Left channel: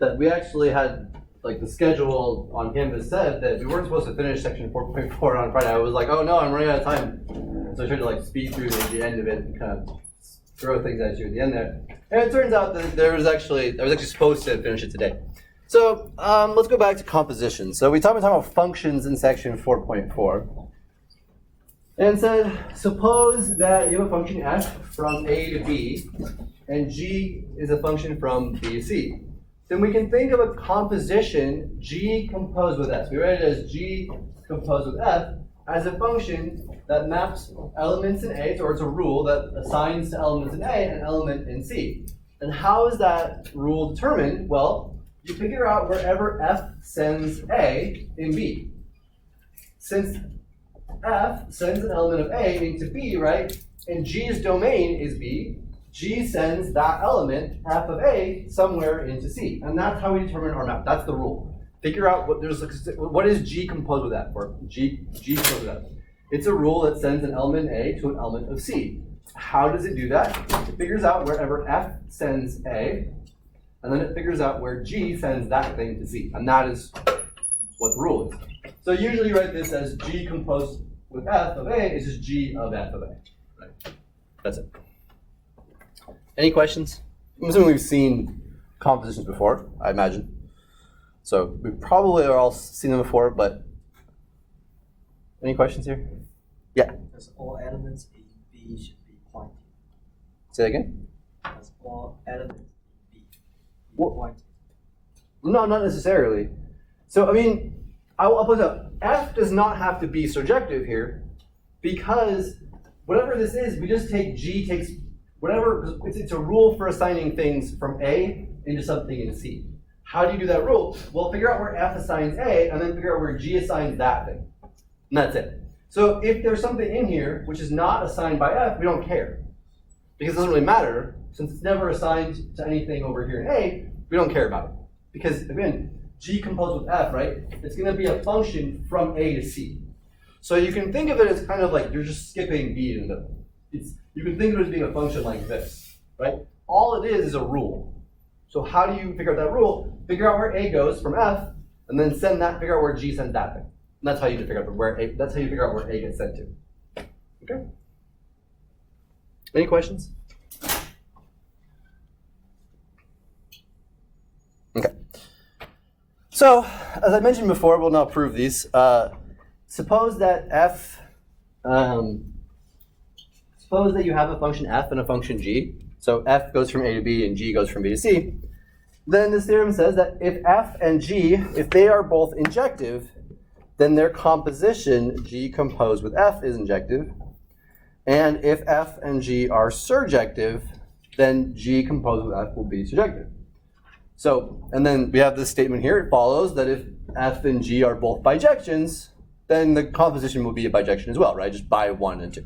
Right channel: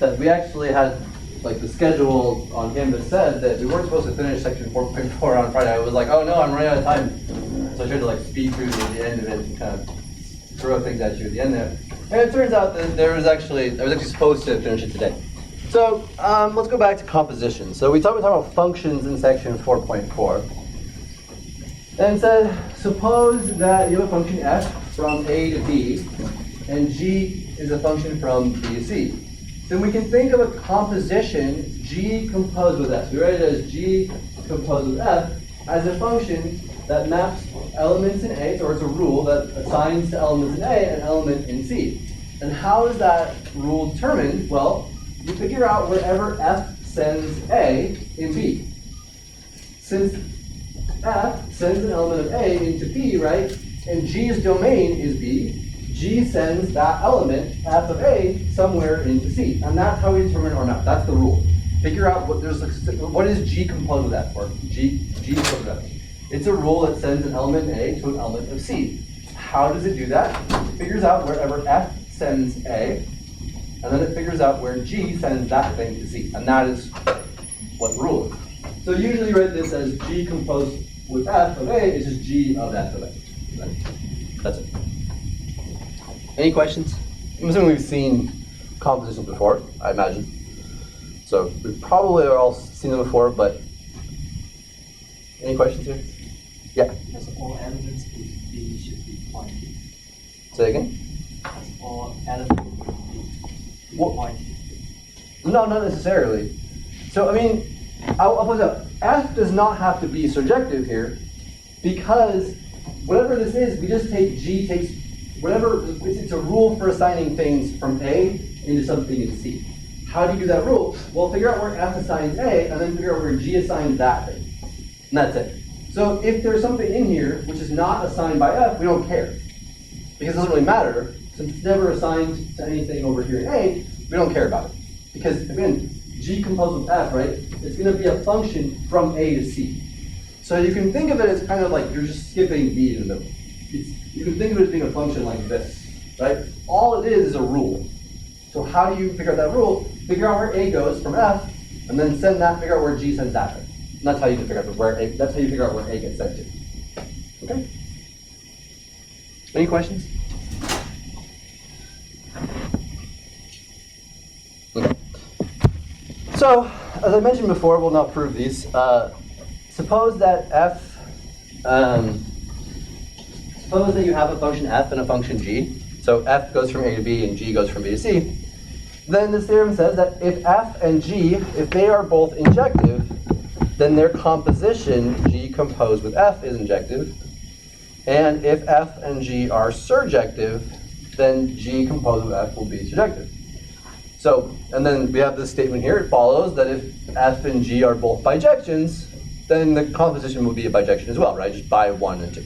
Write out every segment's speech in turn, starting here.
that we actually had, like, the schedule on Canvas said that we weren't supposed to finish section 4.4 on Friday. I was like, oh no, I'm running out of time. So I tried to like speed through the end of it and kind of throw things at you at the end there. And it turns out that I was actually supposed to finish it today. So let's go back to composition. So we talked about functions in section 4.4. And it said, suppose that you have a function f from a to b, and g is a function from b to c. Then we can think of a composition g composed with f. We write it as g composed with f as a function that maps elements in A, or it's a rule that assigns to elements in A an element in C. And how is that rule determined? Well, you figure out wherever f sends A in B. Since f sends an element of A into B, right, and G's domain is B, G sends that element, f of A, somewhere into C. And that's how we determine our map. That's the rule. Figure out what is G composed with F, or G composed with F. It's a rule that sends an element A to an element of C. How does it do that? It figures out wherever F sends A, and then it figures out where G sends that thing to C. And that is what the rule is. So usually you write this as G composed with F of A is just G of F of A. Right? That's it. Any questions? I'm assuming we've seen compositions before, I imagine. So we probably are all seen them before, but any questions here? Yeah. As all elements in B should be pointed. Say again? As all elements in B pointed. No, not necessarily. So I mean, I'll put it up. F does not have to be surjective here, because whatever this is, we just take G takes whatever. It's a rule for assigning things from A into something in C. How do you do that rule? Well, figure out where F assigns A, and then figure out where G assigns that thing. And that's it. So if there's something in here which is not assigned by F, we don't care. Because it doesn't really matter. Since it's never assigned to anything over here in A, we don't care about it. Because, again, G composed with F, right? It's going to be a function from A to C. So you can think of it as kind of like you're just skipping B in the middle. You can think of it as being a function like this, right? All it is a rule. So how do you figure out that rule? Figure out where A goes from F, and then figure out where G sends that thing. And that's how you figure out where A. That's how you figure out where A gets sent to. Okay. Any questions? Okay. So, as I mentioned before, we'll now prove these. Suppose that suppose that you have a function f and a function g. So f goes from A to B and g goes from B to C. Then this theorem says that if f and g, if they are both injective, then their composition, g composed with f, is injective. And if f and g are surjective, then g composed with f will be surjective. So, and then we have this statement here. It follows that if f and g are both bijections, then the composition will be a bijection as well, right? Just by 1 and 2.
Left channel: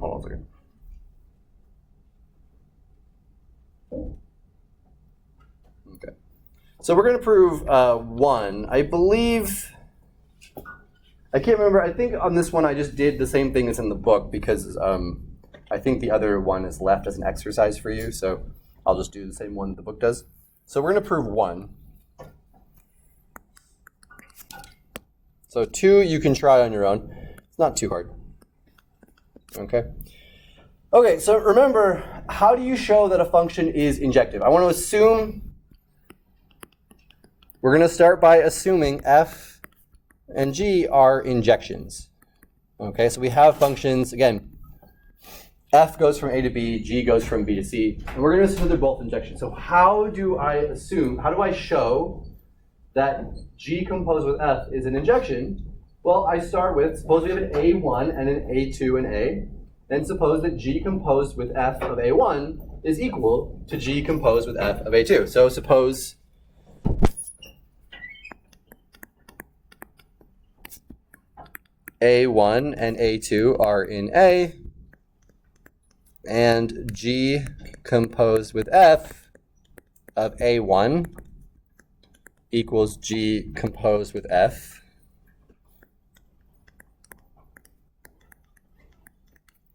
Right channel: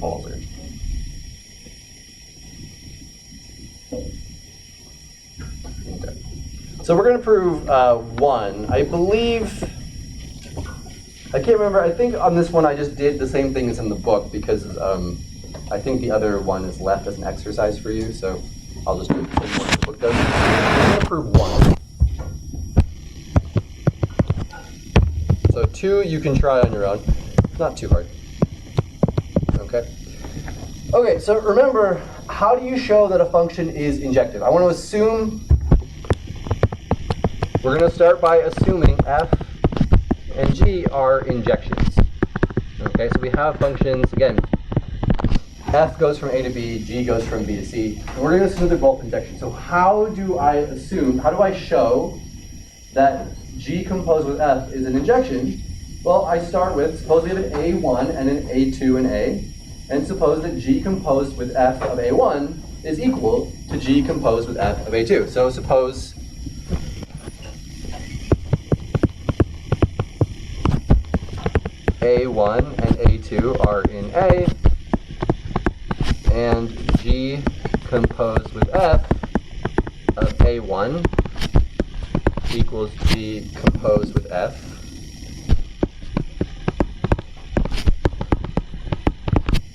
Hold on a second. Okay. So we're going to prove 1. I believe, I can't remember, I think on this one I just did the same thing as in the book because I think the other one is left as an exercise for you, so I'll just do the same one the book does. So we're going to prove 1. So 2 you can try on your own. It's not too hard. Okay. Okay, so remember, how do you show that a function is injective? I want to assume, we're going to start by assuming f and g are injections. Okay, so we have functions, again, f goes from A to B, g goes from B to C, and we're going to assume they're both injections. So how do I show that g composed with f is an injection? Well, I start with, suppose we have an A1 and an A2 and A, and suppose that g composed with f of A1 is equal to g composed with f of A2. So suppose A1 and A2 are in A, and g composed with f of A1 equals g composed with f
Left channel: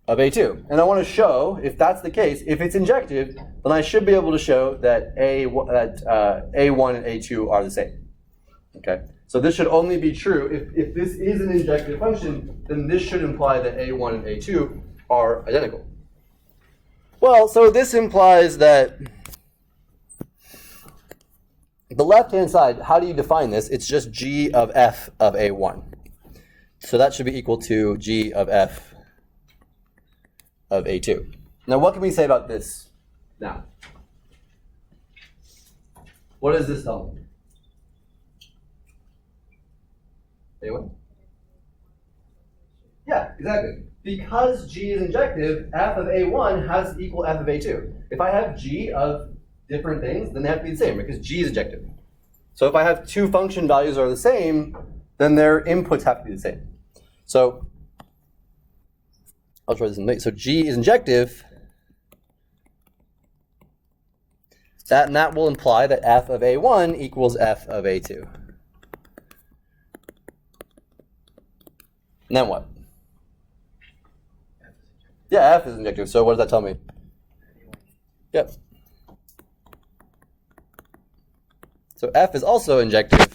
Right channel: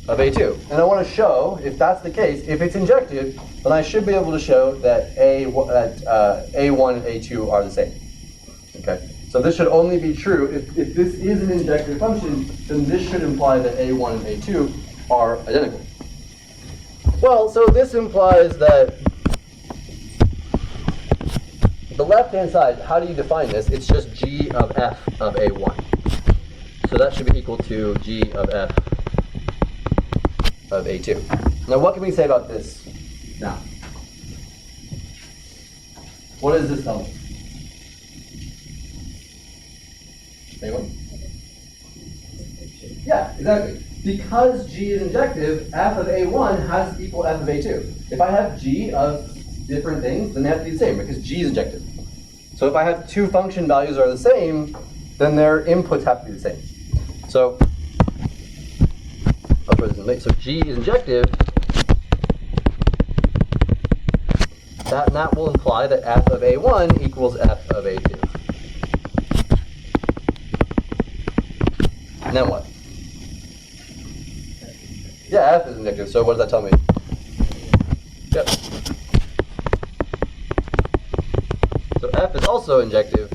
of A2. And I want to show, if that's the case, if it's injective, then I should be able to show that A1 and A2 are the same. Okay? So this should only be true if this is an injective function, then this should imply that A1 and A2 are identical. Well, so this implies that the left-hand side, how do you define this? It's just G of F of A1. So that should be equal to G of F of A2. Now what can we say about this now? What does this tell me? Anyone? Yeah, exactly. Because G is injective, F of A1 has to equal F of A2. If I have G of different things, then they have to be the same because G is injective. So if I have two function values are the same, then their inputs have to be the same. So I'll throw this in late. So G is injective. That will imply that F of A1 equals F of A2. And then what? Yeah, F is injective. So what does that tell me? Yep. So F is also injective.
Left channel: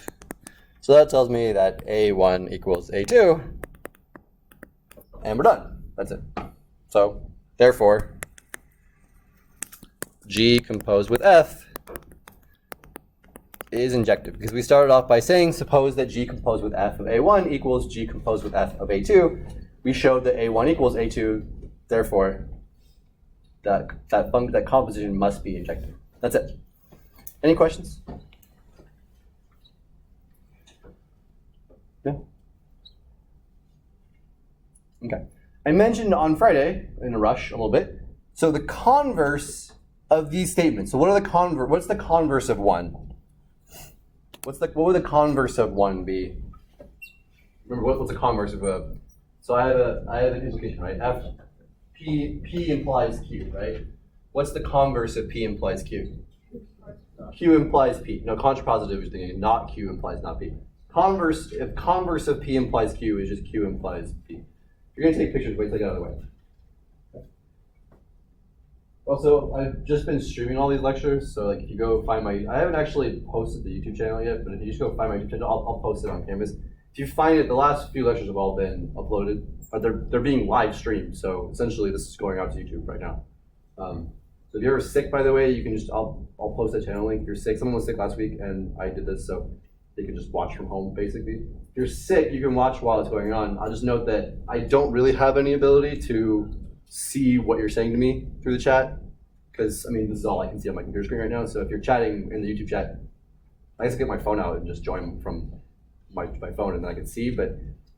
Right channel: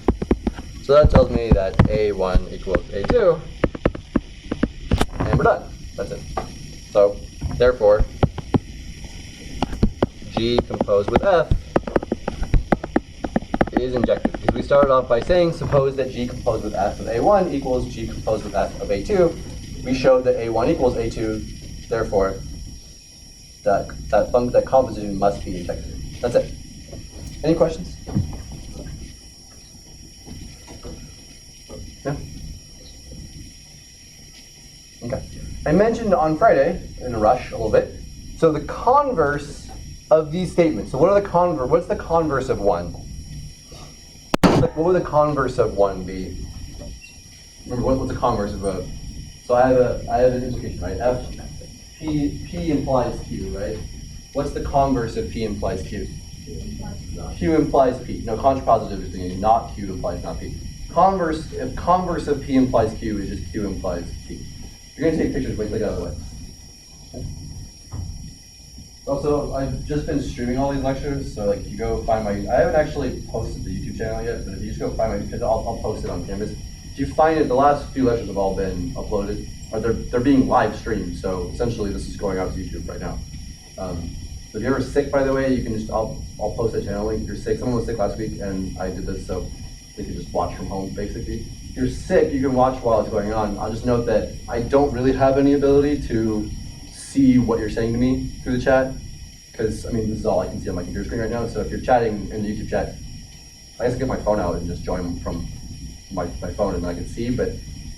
So that tells me that A1 equals A2. And we're done. That's it. So therefore, G composed with F is injective. Because we started off by saying, suppose that G composed with F of A1 equals G composed with F of A2. We showed that A1 equals A2. Therefore, that composition must be injective. That's it. Any questions? No? Okay. I mentioned on Friday, in a rush a little bit, so the converse of these statements. So what are the what's the converse of 1? What would the converse of 1 be? Remember, what's the converse of a... So I have an implication, right? P implies Q, right? What's the converse of P implies Q? Q implies P. No, contrapositive is thinking, not Q implies not P. Converse of P implies Q is just Q implies P. You're going to take pictures, wait till I get out of the way. Okay. Also, I've just been streaming all these lectures, so like if you go find I haven't actually posted the YouTube channel yet, but if you just go find my YouTube channel, I'll post it on Canvas. If you find it, the last few lectures have all been uploaded, or they're being live streamed, so essentially this is going out to YouTube right now. So if you're ever sick, by the way, you can just, I'll post that channel link. If you're sick, someone was sick last week, and I did this, so they could just watch from home, basically. If you're sick, you can watch while it's going on. I'll just note that I don't really have any ability to see what you're saying to me through the chat, because, I mean, this is all I can see on my computer screen right now, so if you're chatting in the YouTube chat, I guess get my phone out and just join from my phone, and then I can see, but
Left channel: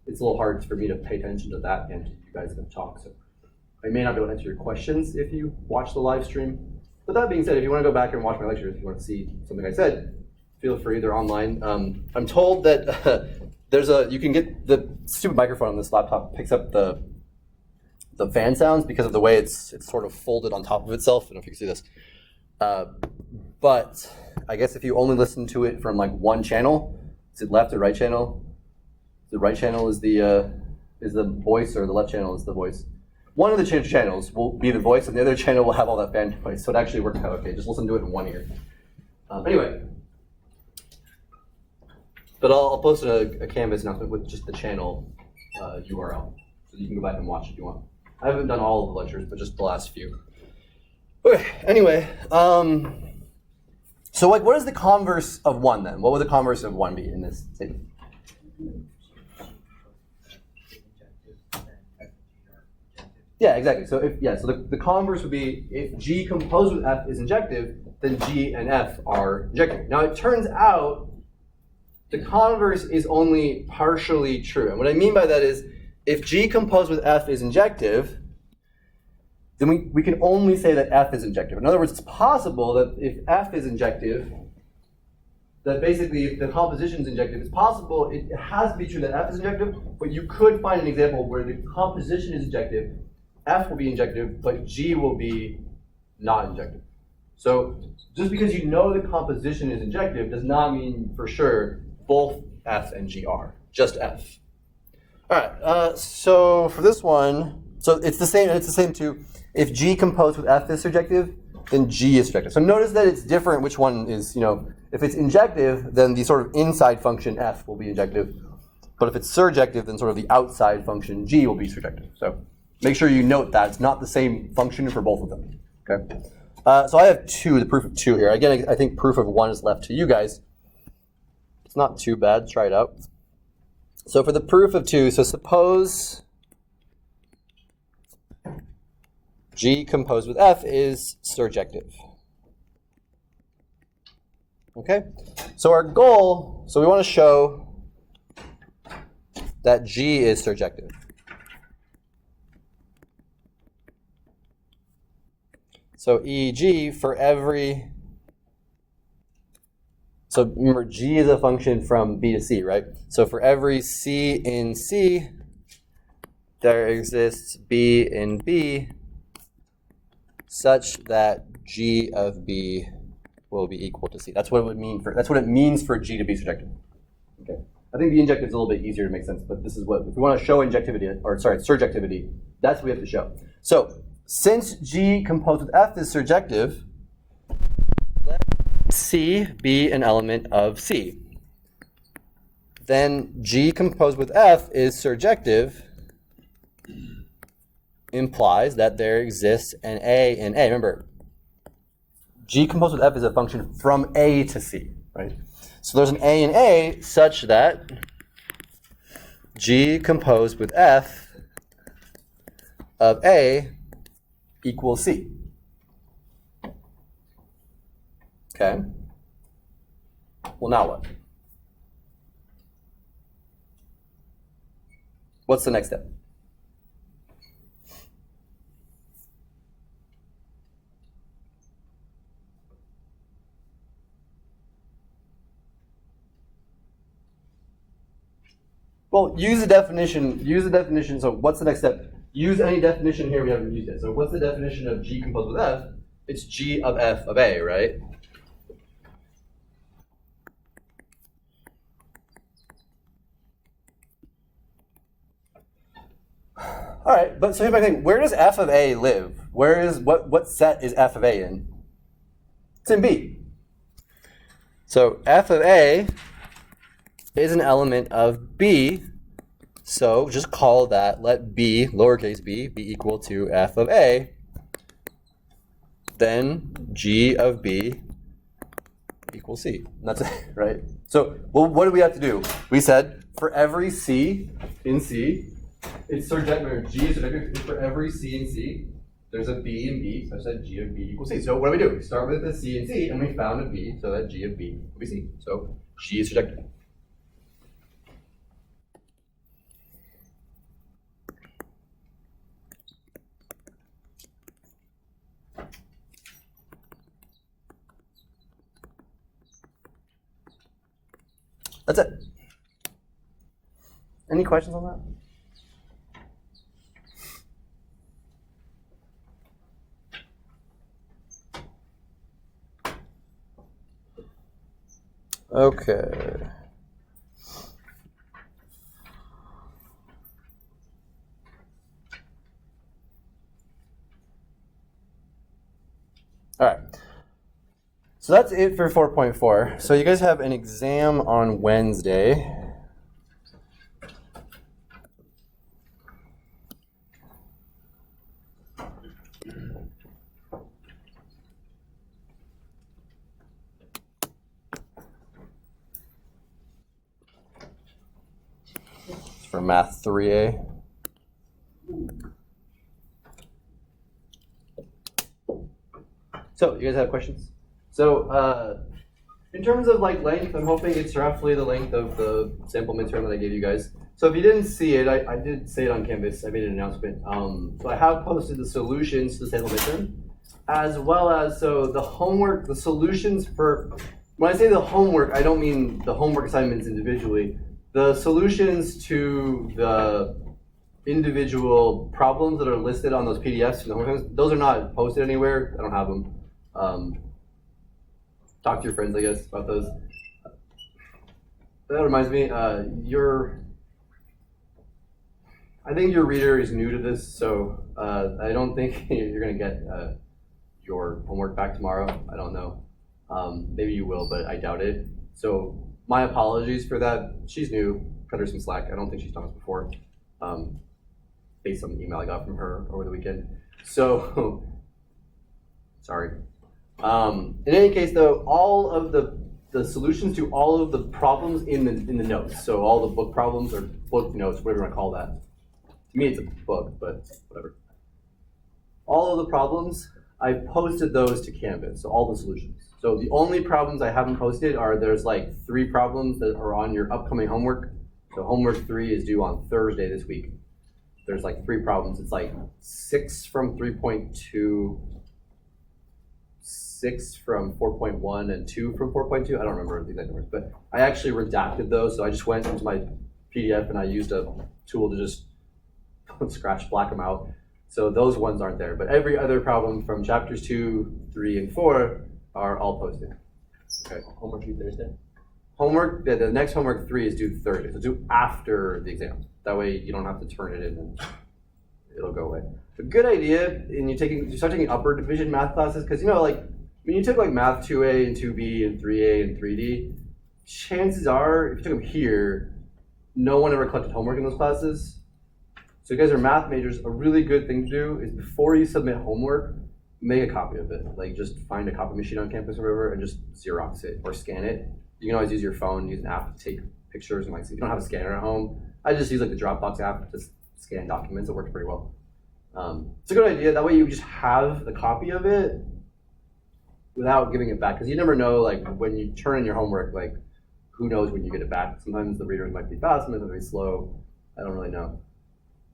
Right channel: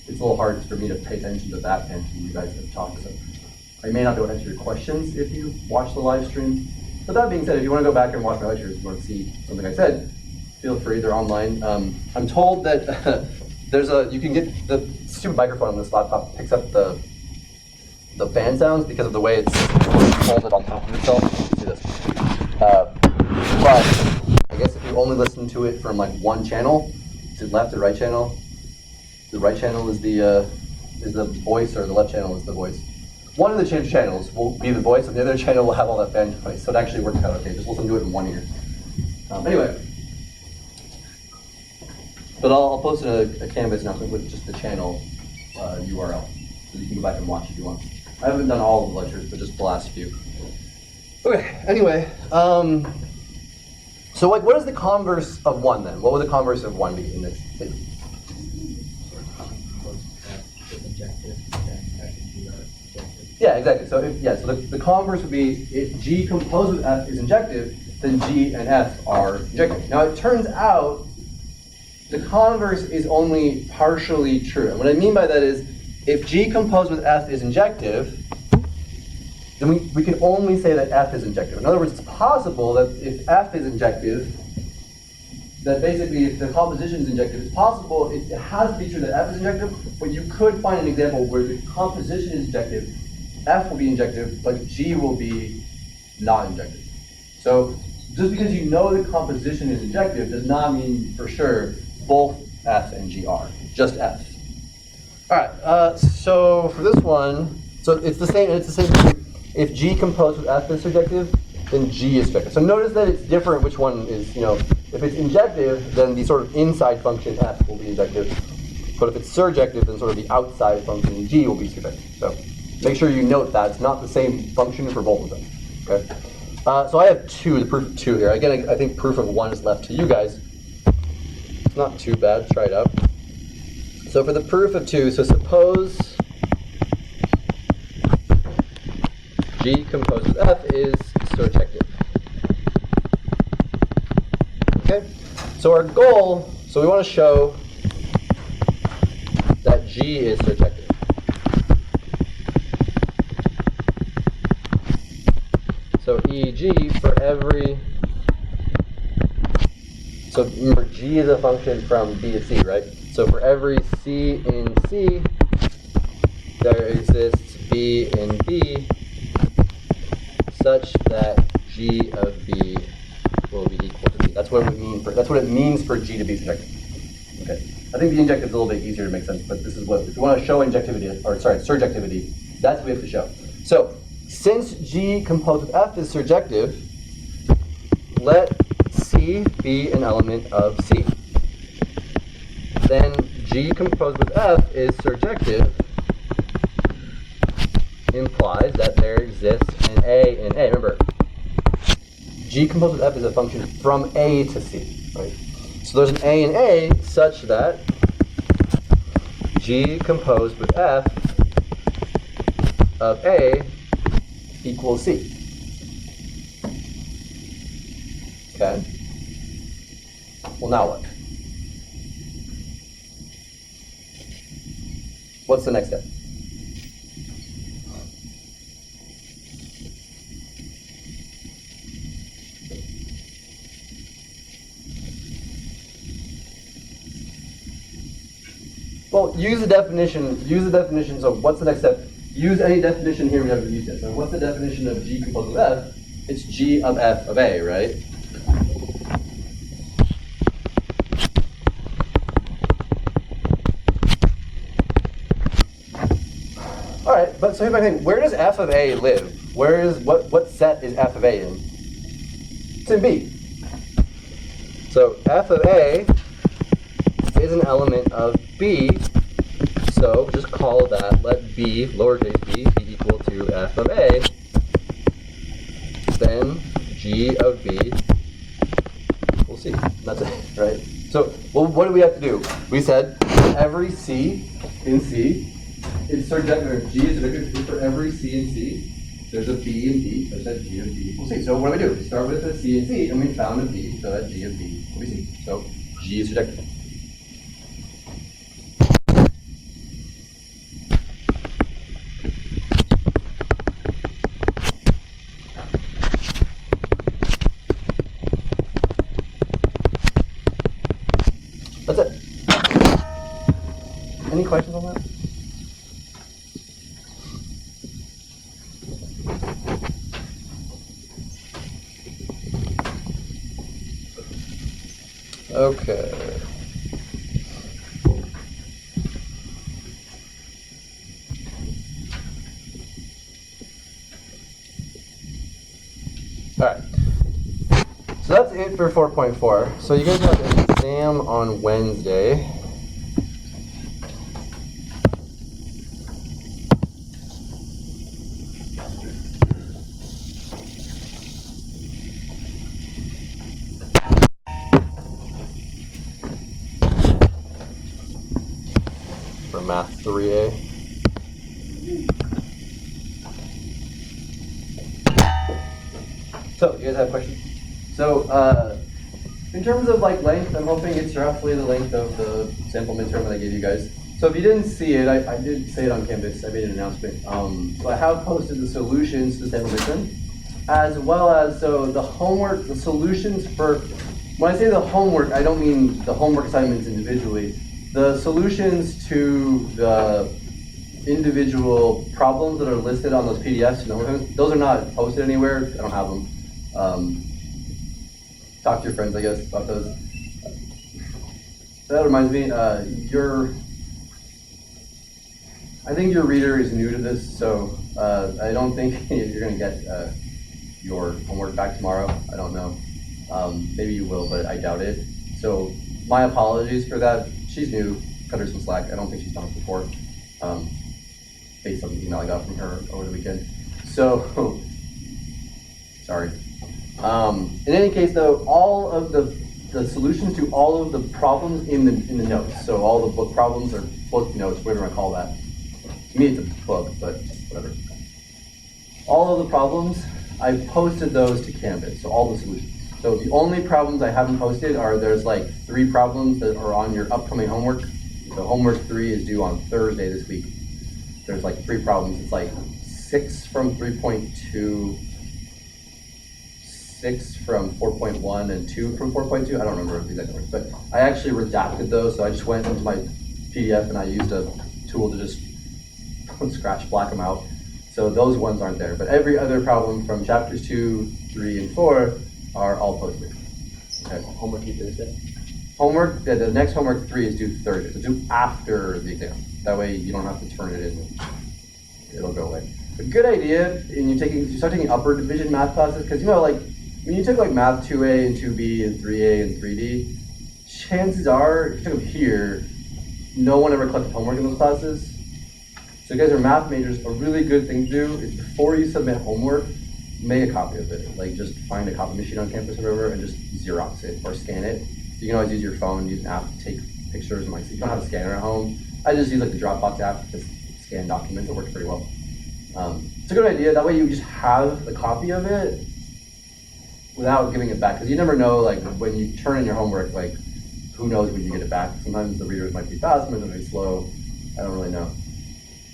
it's a little hard for me to pay attention to that and to you guys that talk, so I may not be able to answer your questions if you watch the live stream. But that being said, if you want to go back and watch my lectures, if you want to see something I said, feel free, they're online. I'm told that you can get the stupid microphone on this laptop picks up the fan sounds because of the way it's sort of folded on top of itself. See this? But I guess if you only listen to it from like one channel, is it left or right channel? The right channel is the voice, or the left channel is the voice. One of the channels will be the voice, and the other channel will have all that fan noise. So it actually works out okay. Just listen to it in one ear. Anyway. But I'll post a Canvas announcement with just the channel URL, so you can go back and watch if you want. I haven't done all of the lectures, but just the last few. Okay, anyway, so like, what is the converse of 1 then? What would the converse of 1 be in this statement? Yeah, exactly. So so the converse would be if G composed with F is injective, then G and F are injective. Now it turns out the converse is only partially true. And what I mean by that is, if G composed with F is injective, then we can only say that F is injective. In other words, it's possible that if F is injective, that basically if the composition is injective, it's possible, it has to be true that F is injective, but you could find an example where the composition is injective, F will be injective, but G will be not injective. So just because you know the composition is injective does not mean for sure both F and G are, just F. All right, so for this one, So it's the same. It's the same thing. If G composed with F is surjective, then G is surjective. So notice that it's different which one is, if it's injective, then the sort of inside function F will be injective. But if it's surjective, then sort of the outside function G will be surjective. So make sure you note that it's not the same function for both of them. Okay. So I have the proof of 2 here. Again, I think proof of 1 is left to you guys. It's not too bad. Let's try it out. So for the proof of 2, so suppose G composed with F is surjective. Okay? So our goal, so we want to show that G is surjective. So e.g. for every, so remember G is a function from B to C, right? So for every C in C, there exists B in B such that G of B will be equal to C. That's what it would mean that's what it means for G to be surjective. Okay. I think the injective is a little bit easier to make sense, but this is what, if you want to show surjectivity, that's what we have to show. So since G composed with F is surjective, let C be an element of C. Then G composed with F is surjective implies that there exists an A in A. Remember, G composed with F is a function from A to C, right? So there's an A in A such that G composed with F of A equals C. Okay. Well, now what? What's the next step? Well, use the definition, so what's the next step? Use any definition here we haven't used yet. So what's the definition of G composed with F? It's G of F of A, right? All right, but so here's my thing. Where does F of A live? What set is F of A in? It's in B. So F of A is an element of B, so just call that, let B, lowercase b, be equal to F of A, then G of B equals C. That's it, right? So, well, what do we have to do? We said for every C in C, it's surjective, or G is surjective, for every C in C, there's a B in B, such that G of B equals C. So what do? We start with a C in C, and we found a B, so that G of B will be C. So G is surjective. That's it. Any questions on that? Okay. All right. So that's it for 4.4. So you guys have an exam on Wednesday. For Math 3A. So, you guys have questions? So, in terms of like length, I'm hoping it's roughly the length of the sample midterm that I gave you guys. So if you didn't see it, I did say it on Canvas. I made an announcement. So I have posted the solutions to the sample midterm, as well as the homework, the solutions for. When I say the homework, I don't mean the homework assignments individually. The solutions to the individual problems that are listed on those PDFs, those are not posted anywhere. I don't have them. Talk to your friends, I guess, about those. That reminds me, I think your reader is new to this, so I don't think you're going to get your homework back tomorrow. I don't know. Maybe you will, but I doubt it. So my apologies for that. She's new. Cut her some slack. I don't think she's done it before, based on the email I got from her over the weekend. So, sorry. In any case, though, all of the solutions to all of the problems in the notes, so all the book problems or book notes, whatever you want to call that. To me, it's a book, but whatever. All of the problems, I posted those to Canvas, so all the solutions. So the only problems I haven't posted are there's like 3 problems that are on your upcoming homework. So homework 3 is due on Thursday this week. There's like 3 problems. It's like 6 from 3.2, 6 from 4.1, and 2 from 4.2. I don't remember the exact numbers, but I actually redacted those. So I just went into my PDF and I used a tool to just scratch black them out. So those ones aren't there, but every other problem from chapters 2, 3, and 4 are all posted. Okay. Homework due Thursday? Homework, the next homework 3 is due Thursday, so due after the exam. That way you don't have to turn it in and it'll go away. But good idea, and you start taking upper division math classes, because you know, like, when you took like math 2A and 2B and 3A and 3D, chances are, if you took them here, no one ever collected homework in those classes. So you guys are math majors, a really good thing to do is before you submit homework, make a copy of it. Like just find a copy machine on campus or whatever and just Xerox it or scan it. You can always use your phone, use an app to take pictures and like, if you don't have a scanner at home, I just use like the Dropbox app to scan documents. It works pretty well. It's a good idea. That way you just have a copy of it without giving it back. Because you never know, like when you turn in your homework, like who knows when you get it back. Sometimes the readers might be fast, sometimes they'll be slow. I don't really know.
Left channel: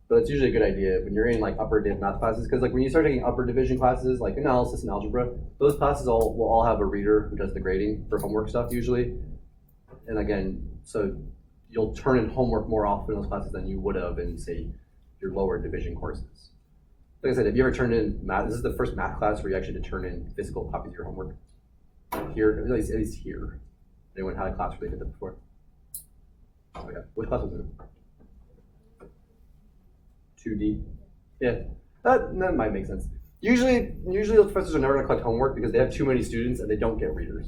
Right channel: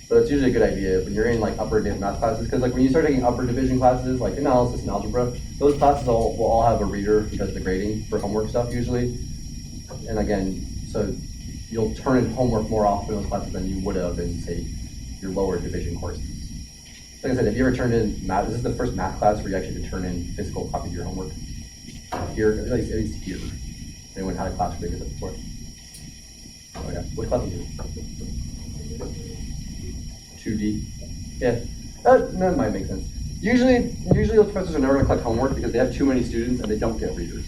So it's usually a good idea when you're in like upper div math classes, because like when you start taking upper division classes, like analysis and algebra, those classes will all have a reader who does the grading for homework stuff usually. And again, so you'll turn in homework more often in those classes than you would have in, say, your lower division courses. Like I said, have you ever turned in math? This is the first math class where you actually had to turn in physical copies of your homework. Here, at least here. Anyone had a class where they did that before? Oh yeah, which class was it? 2D? Yeah, that might make sense. Usually those professors are never going to collect homework because they have too many students and they don't get readers.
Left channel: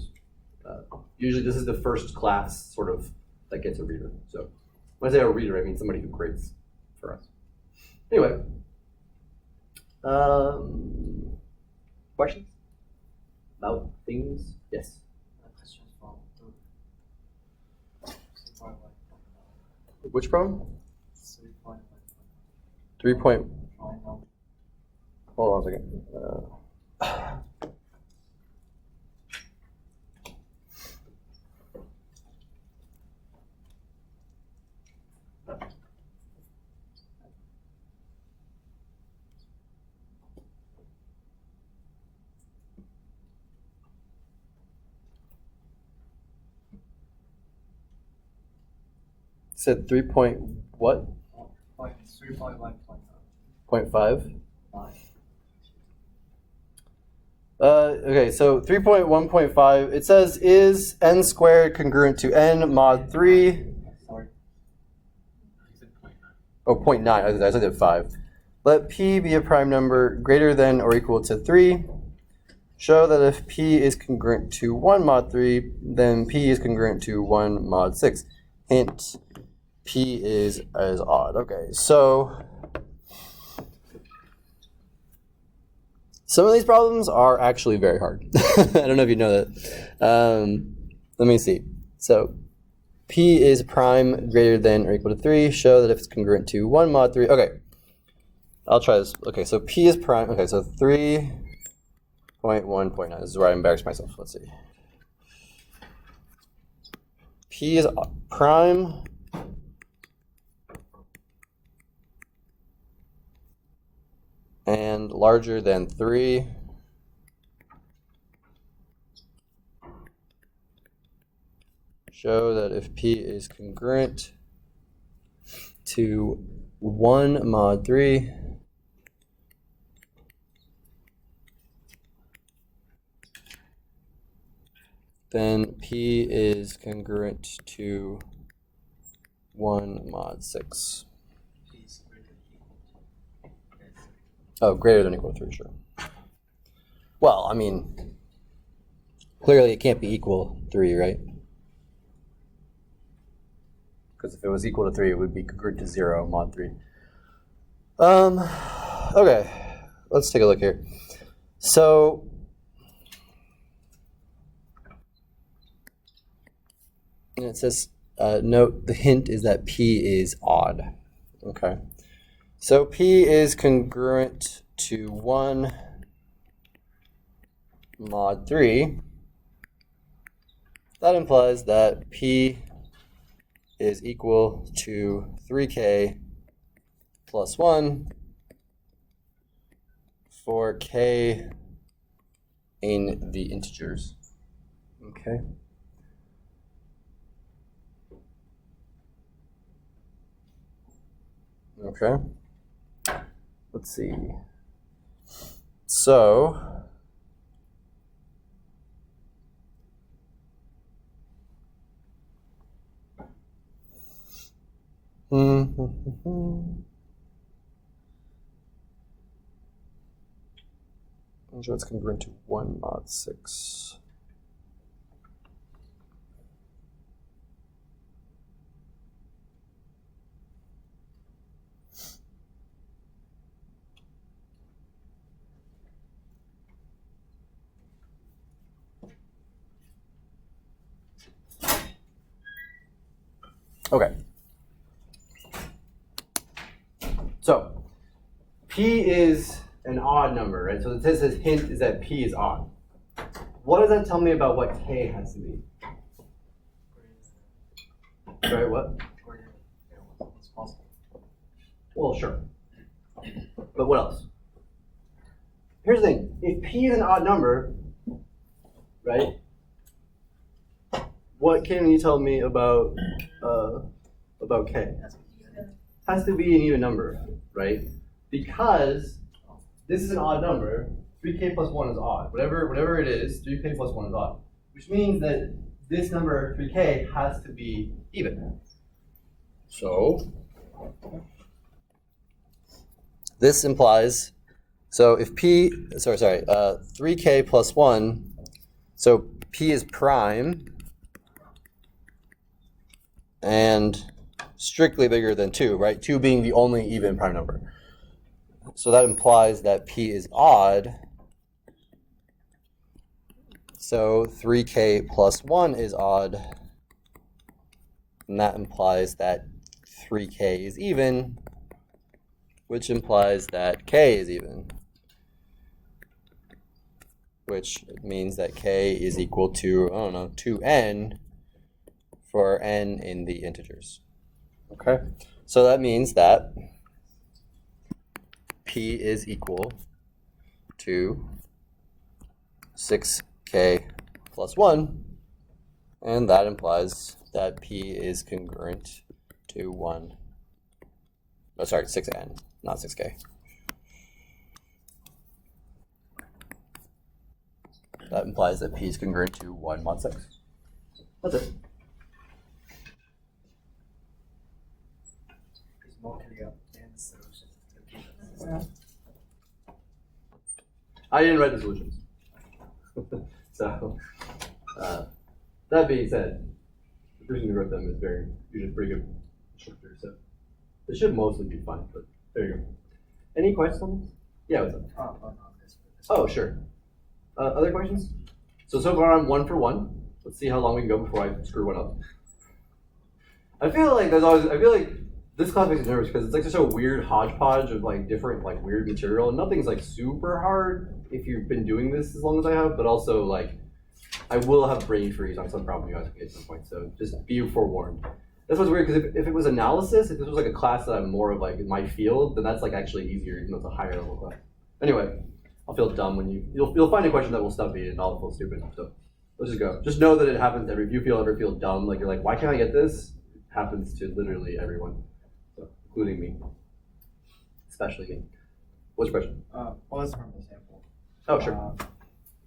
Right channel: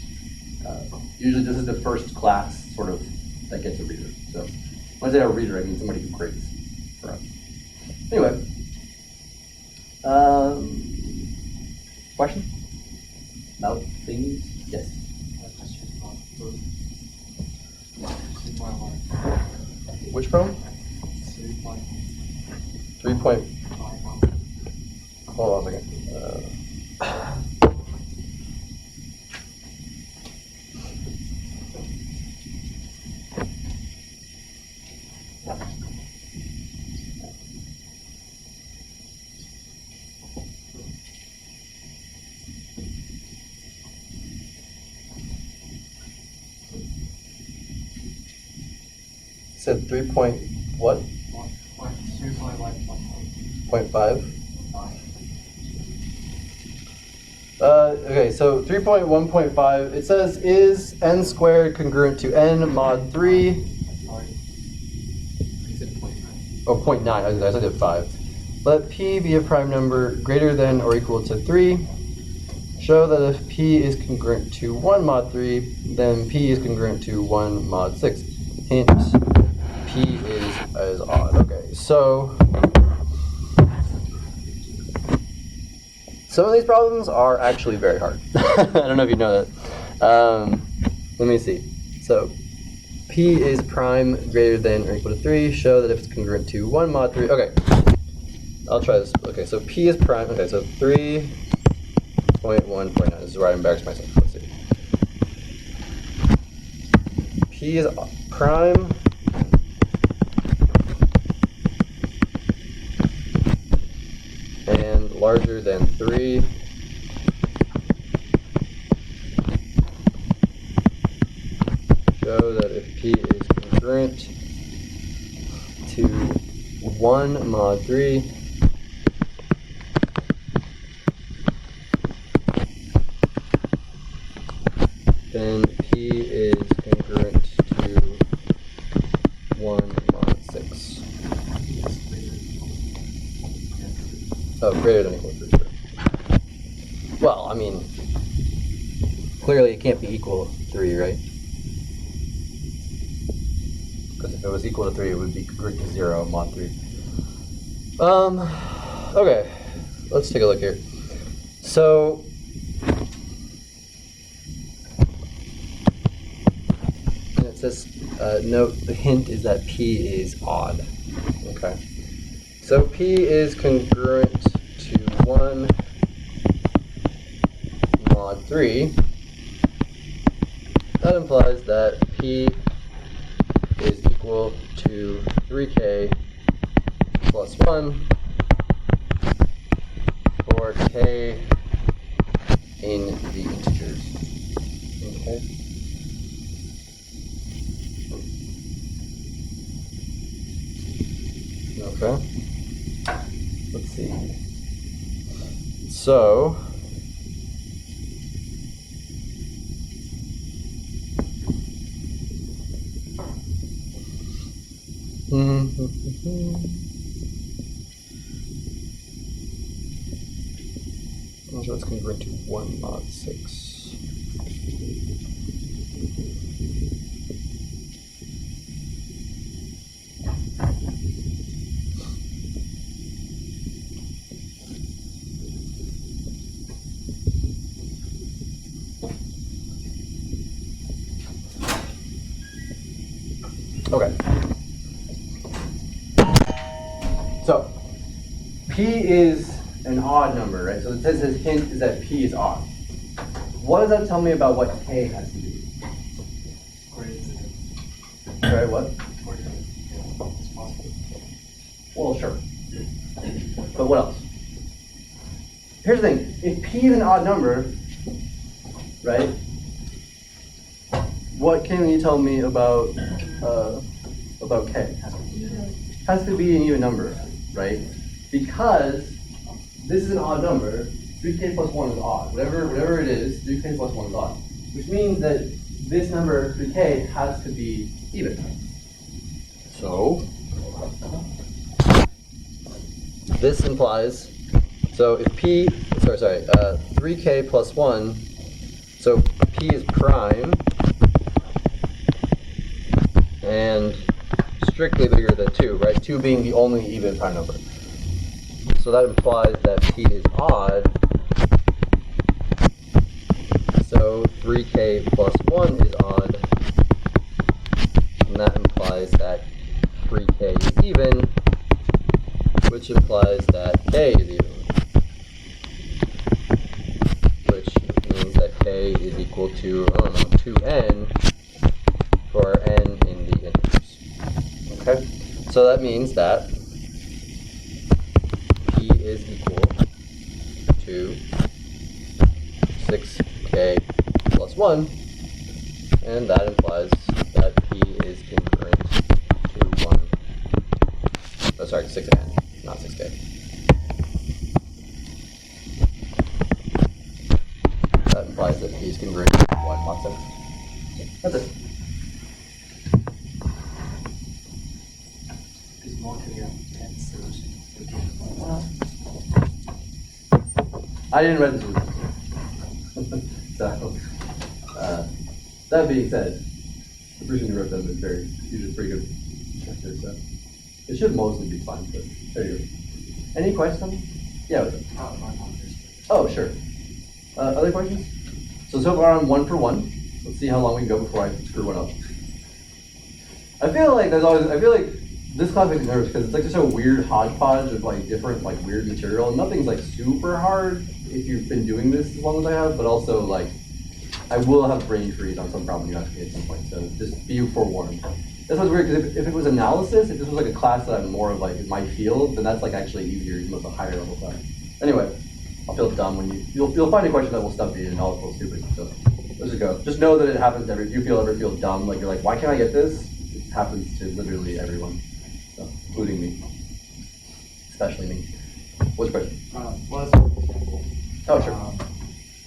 Usually this is the first class sort of that gets a reader. So when I say a reader, I mean somebody who grades for us. Anyway, question about things? Yes. Which problem? 3 point. Hold on a second. Said 3 point what? 0.5. Okay, so 3.1.5, it says, is n squared congruent to n mod 3? Oh, 0.9, I said 5. Let p be a prime number greater than or equal to 3. Show that if p is congruent to 1 mod 3, then p is congruent to 1 mod 6. Hint, p is odd. Okay, so some of these problems are actually very hard. I don't know if you know that. Let me see. So p is prime greater than or equal to 3. Show that if it's congruent to 1 mod 3. Okay, I'll try this. Okay, so p is prime. Okay, so 3.1.9. This is where I embarrass myself. Let's see. P is prime and larger than 3. Show that if p is congruent to 1 mod 3, then p is congruent to 1 mod 6. Oh, greater than or equal to 3, sure. Well, I mean, clearly it can't be equal 3, right? Because if it was equal to 3, it would be congruent to 0 mod 3. Okay, let's take a look here. So, and it says, note the hint is that P is odd. Okay. So P is congruent to 1 mod 3. That implies that P is equal to 3k plus 1 for k in the integers. Okay. Okay. Let's see. So, so it's congruent to 1 mod 6. Okay. So, P is an odd number, right? So it says his hint is that P is odd. What does that tell me about what K has to be? Sorry, what? It's possible. Well, sure. But what else? Here's the thing. If P is an odd number, right? What can you tell me about K? Has to be an even number, right? Because this is an odd number, 3k plus 1 is odd. Whatever it is, 3k plus 1 is odd. Which means that this number, 3k, has to be even. So, this implies, so if P, 3k plus 1, so P is prime, and strictly bigger than 2, right? 2 being the only even prime number. So that implies that P is odd. So 3k plus 1 is odd. And that implies that 3k is even, which implies that k is even. Which means that k is equal to, 2n for n in the integers. Okay? So that means that P is equal to 6k plus 1, and that implies that P is congruent to 1. Oh, sorry, 6n, not 6k. That implies that P is congruent to 1 mod 6. That's it. I didn't write this one. So, that being said, the person who wrote them is usually pretty good instructor, so it should mostly be fun, but there you go. Any questions? Yeah, what's up? Oh, sure. Other questions? So far I'm 1 for 1. Let's see how long we can go before I screw one up. I feel like this class makes me nervous because it's like just a weird hodgepodge of like different like weird material, and nothing's like super hard if you've been doing this as long as I have, but also like I will have brain freeze on some problem you ask me at some point, so just be forewarned. This was weird because if it was analysis, if this was like a class that I'm more of like in my field, then that's like actually easier even with a higher level class. Anyway, I'll feel dumb when you'll find a question that will stop me and I'll feel stupid. So let's just go. Just know that it happens if you ever feel dumb, like you're like, why can't I get this? It happens to literally everyone, so, including me, especially me. What's the question? Well, that's an example. Oh, sure.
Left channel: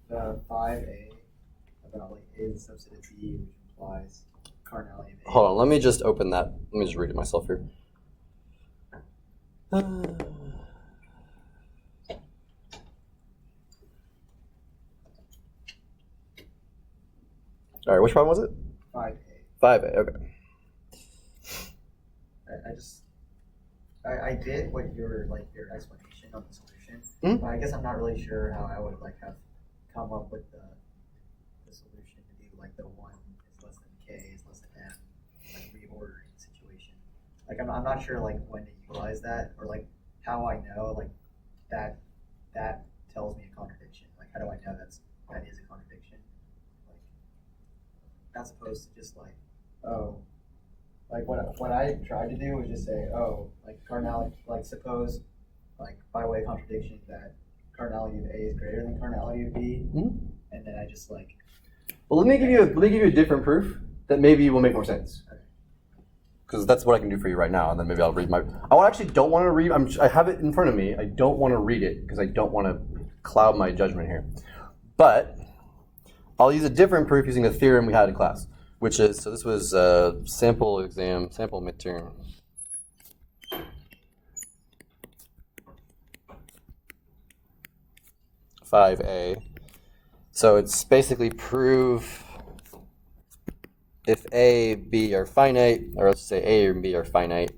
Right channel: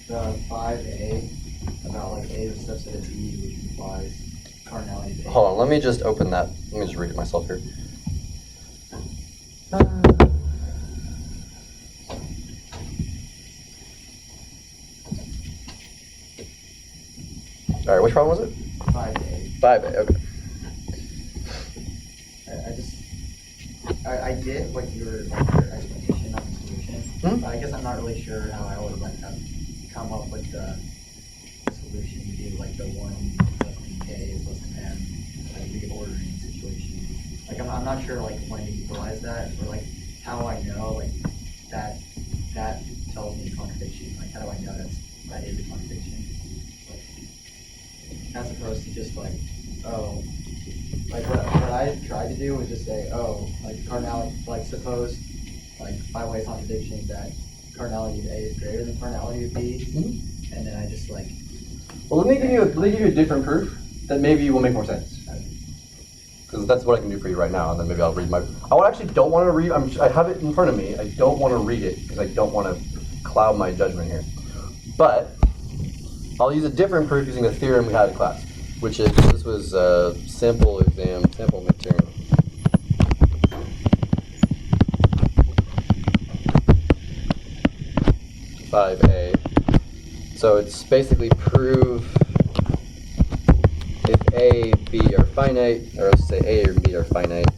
The 5a about like a is subset of b, which implies cardinality of a. Hold on, let me just open that. Let me just read it myself here. All right, which problem was it? 5A. 5A, okay. I get what your explanation of the solution, but I guess I'm not really sure how I would like have come up with the solution to do like the 1 less than K is less than M, like reordering situation. Like I'm not sure like when to utilize that, or like how I know like that tells me contradiction. Like how do I know that is a contradiction? Like, as opposed to just like, oh, like what I tried to do was just say, oh, like cardinality, like suppose, like by way of contradiction, that cardinality of A is greater than cardinality of B, and then I just like. Well, let me give you a different proof that maybe will make more sense. Because that's what I can do for you right now, and then maybe I'll read my. I actually don't want to read. I have it in front of me. I don't want to read it because I don't want to cloud my judgment here. But I'll use a different proof using a theorem we had in class, which is, this was a sample material. (5A). So it's basically prove if A, B are finite, or let's say A or B are finite,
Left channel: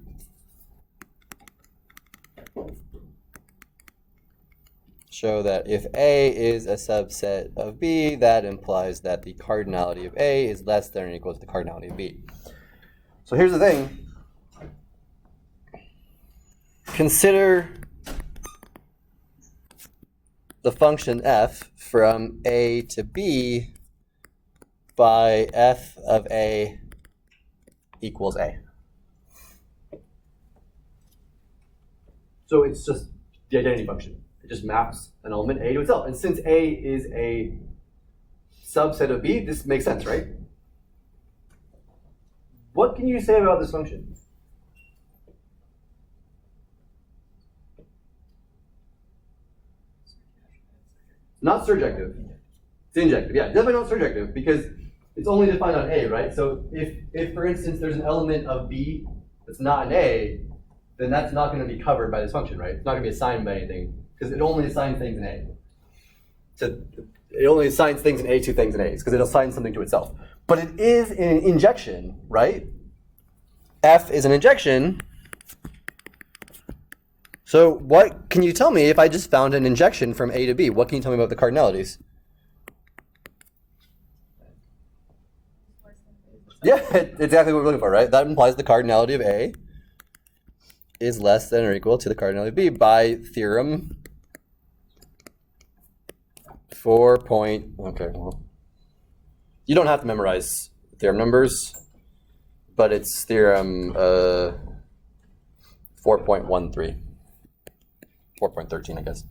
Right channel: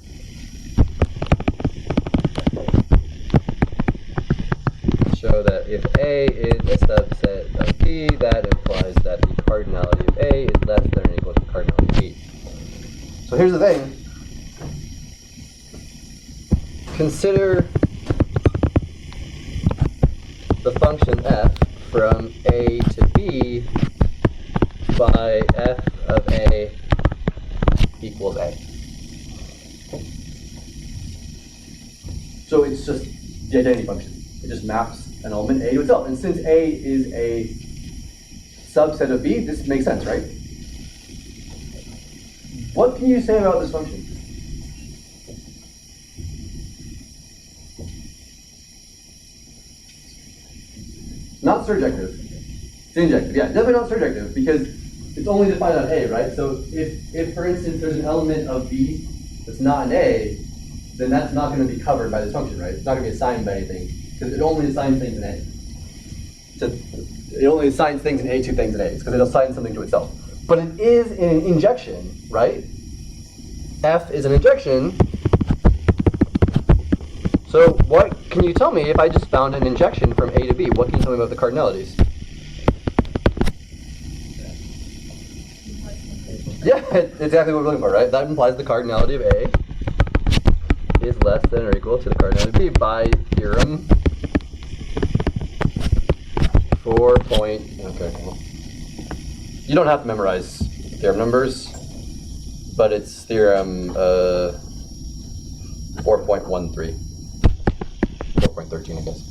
show that if A is a subset of B, that implies that the cardinality of A is less than or equal to the cardinality of B. So here's the thing. Consider the function f from A to B by f of A equals A. So it's just the identity function. It just maps an element A to itself. And since A is a subset of B, this makes sense, right? What can you say about this function? Not surjective. It's injective. Yeah, definitely not surjective because it's only defined on A, right? So if for instance there's an element of B that's not an A, then that's not going to be covered by this function, right? It's not going to be assigned by anything because it only assigns things in A. So it only assigns things in A to things in A because it assigns something to itself. But it is an injection, right? F is an injection. So what can you tell me if I just found an injection from A to B? What can you tell me about the cardinalities? Yeah, it's exactly what we're looking for, right? That implies the cardinality of A is less than or equal to the cardinality of B by theorem 4 point. Okay, well, you don't have to memorize theorem numbers, but it's theorem 4.13, 4.13, I guess.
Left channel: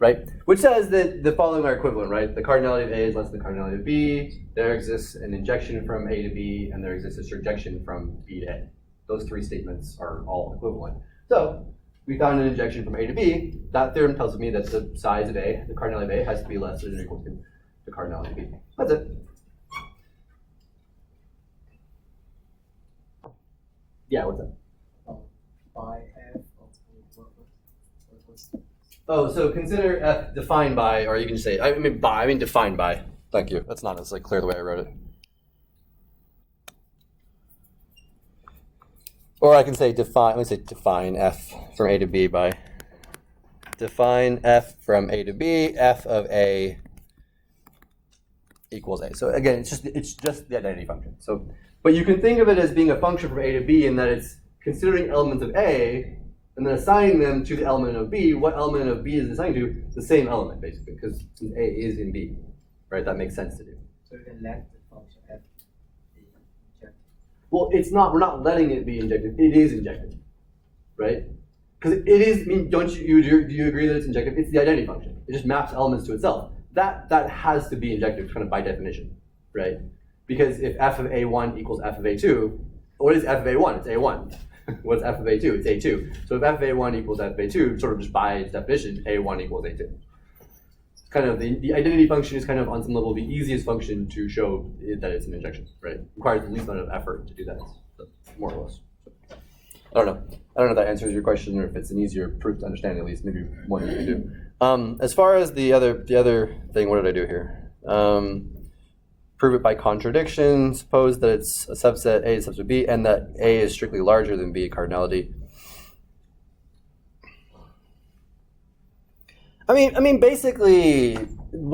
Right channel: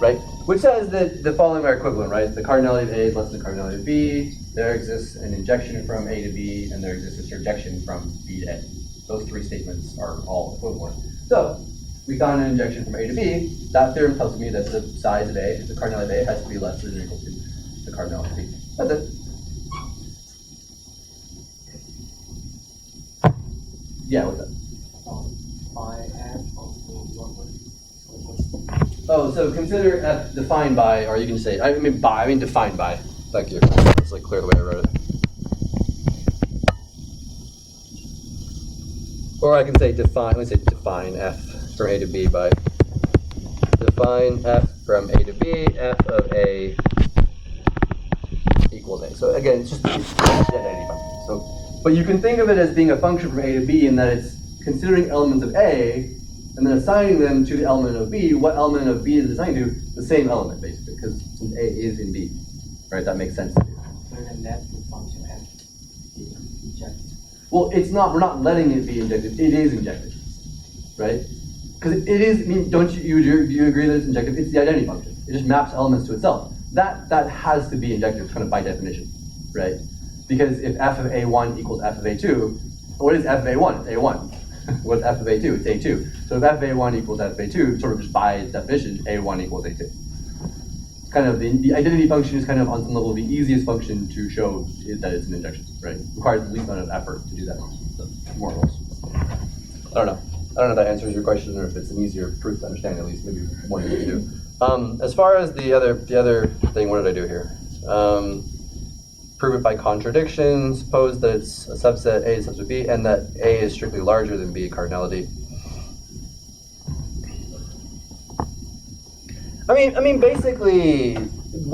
Right? Which says that the following are equivalent, right? The cardinality of A is less than the cardinality of B. There exists an injection from A to B, and there exists a surjection from B to A. Those three statements are all equivalent. So we found an injection from A to B. That theorem tells me that the size of A, the cardinality of A, has to be less than or equal to the cardinality of B. That's it. Yeah, what's that? Oh, so consider F defined by, or you can say, I mean defined by. Thank you. It's like clear the way I wrote it. Or I can say define, let me say define F from A to B by define F from A to B, F of A equals A. So again, it's just the identity function. So, but you can think of it as being a function from A to B in that it's considering elements of A and then assigning them to the element of B. What element of B is assigned to? The same element, basically, because since A is in B, right? That makes sense to do. So then let the function F be injected. Well, it's not. We're not letting it be injected. It is injected, right? Because it is. I mean, don't you do you agree that it's injective? It's the identity function. It just maps elements to itself. That has to be injective, kind of by definition, right? Because if f of A1 equals f of A2, what is f of A1? It's A1. What's f of A2? It's A2. So if f of A1 equals f of A2, sort of just by its definition, A1 equals A2. Kind of the identity function is kind of on some level the easiest function to show that it's an injection, right? It requires the least amount of effort to do that, so, more or less. I don't know if that answers your question or if it's an easier proof to understand at least, maybe one you can do. As far as the other thing, what did I do here? prove it by contradiction. Suppose that it's a subset A is subset B, and that A is strictly larger than B cardinality. I mean, basically,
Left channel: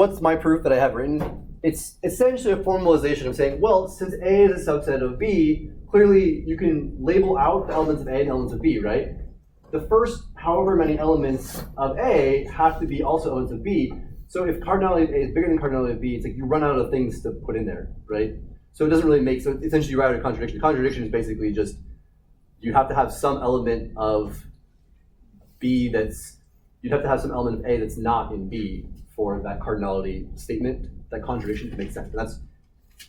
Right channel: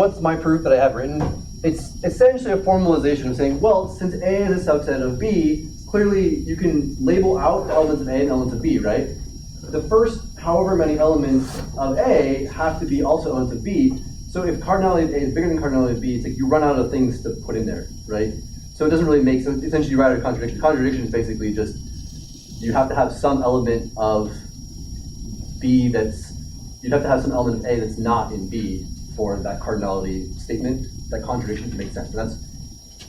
what's my proof that I have written? It's essentially a formalization of saying, well, since A is a subset of B, clearly you can label out the elements of A and elements of B, right? The first however many elements of A have to be also elements of B. So if cardinality of A is bigger than cardinality of B, it's like you run out of things to put in there, right? So it doesn't really make sense. Essentially, you write a contradiction. Contradiction is basically just you have to have some element of B you'd have to have some element of A that's not in B for that cardinality statement, that contradiction to make sense. But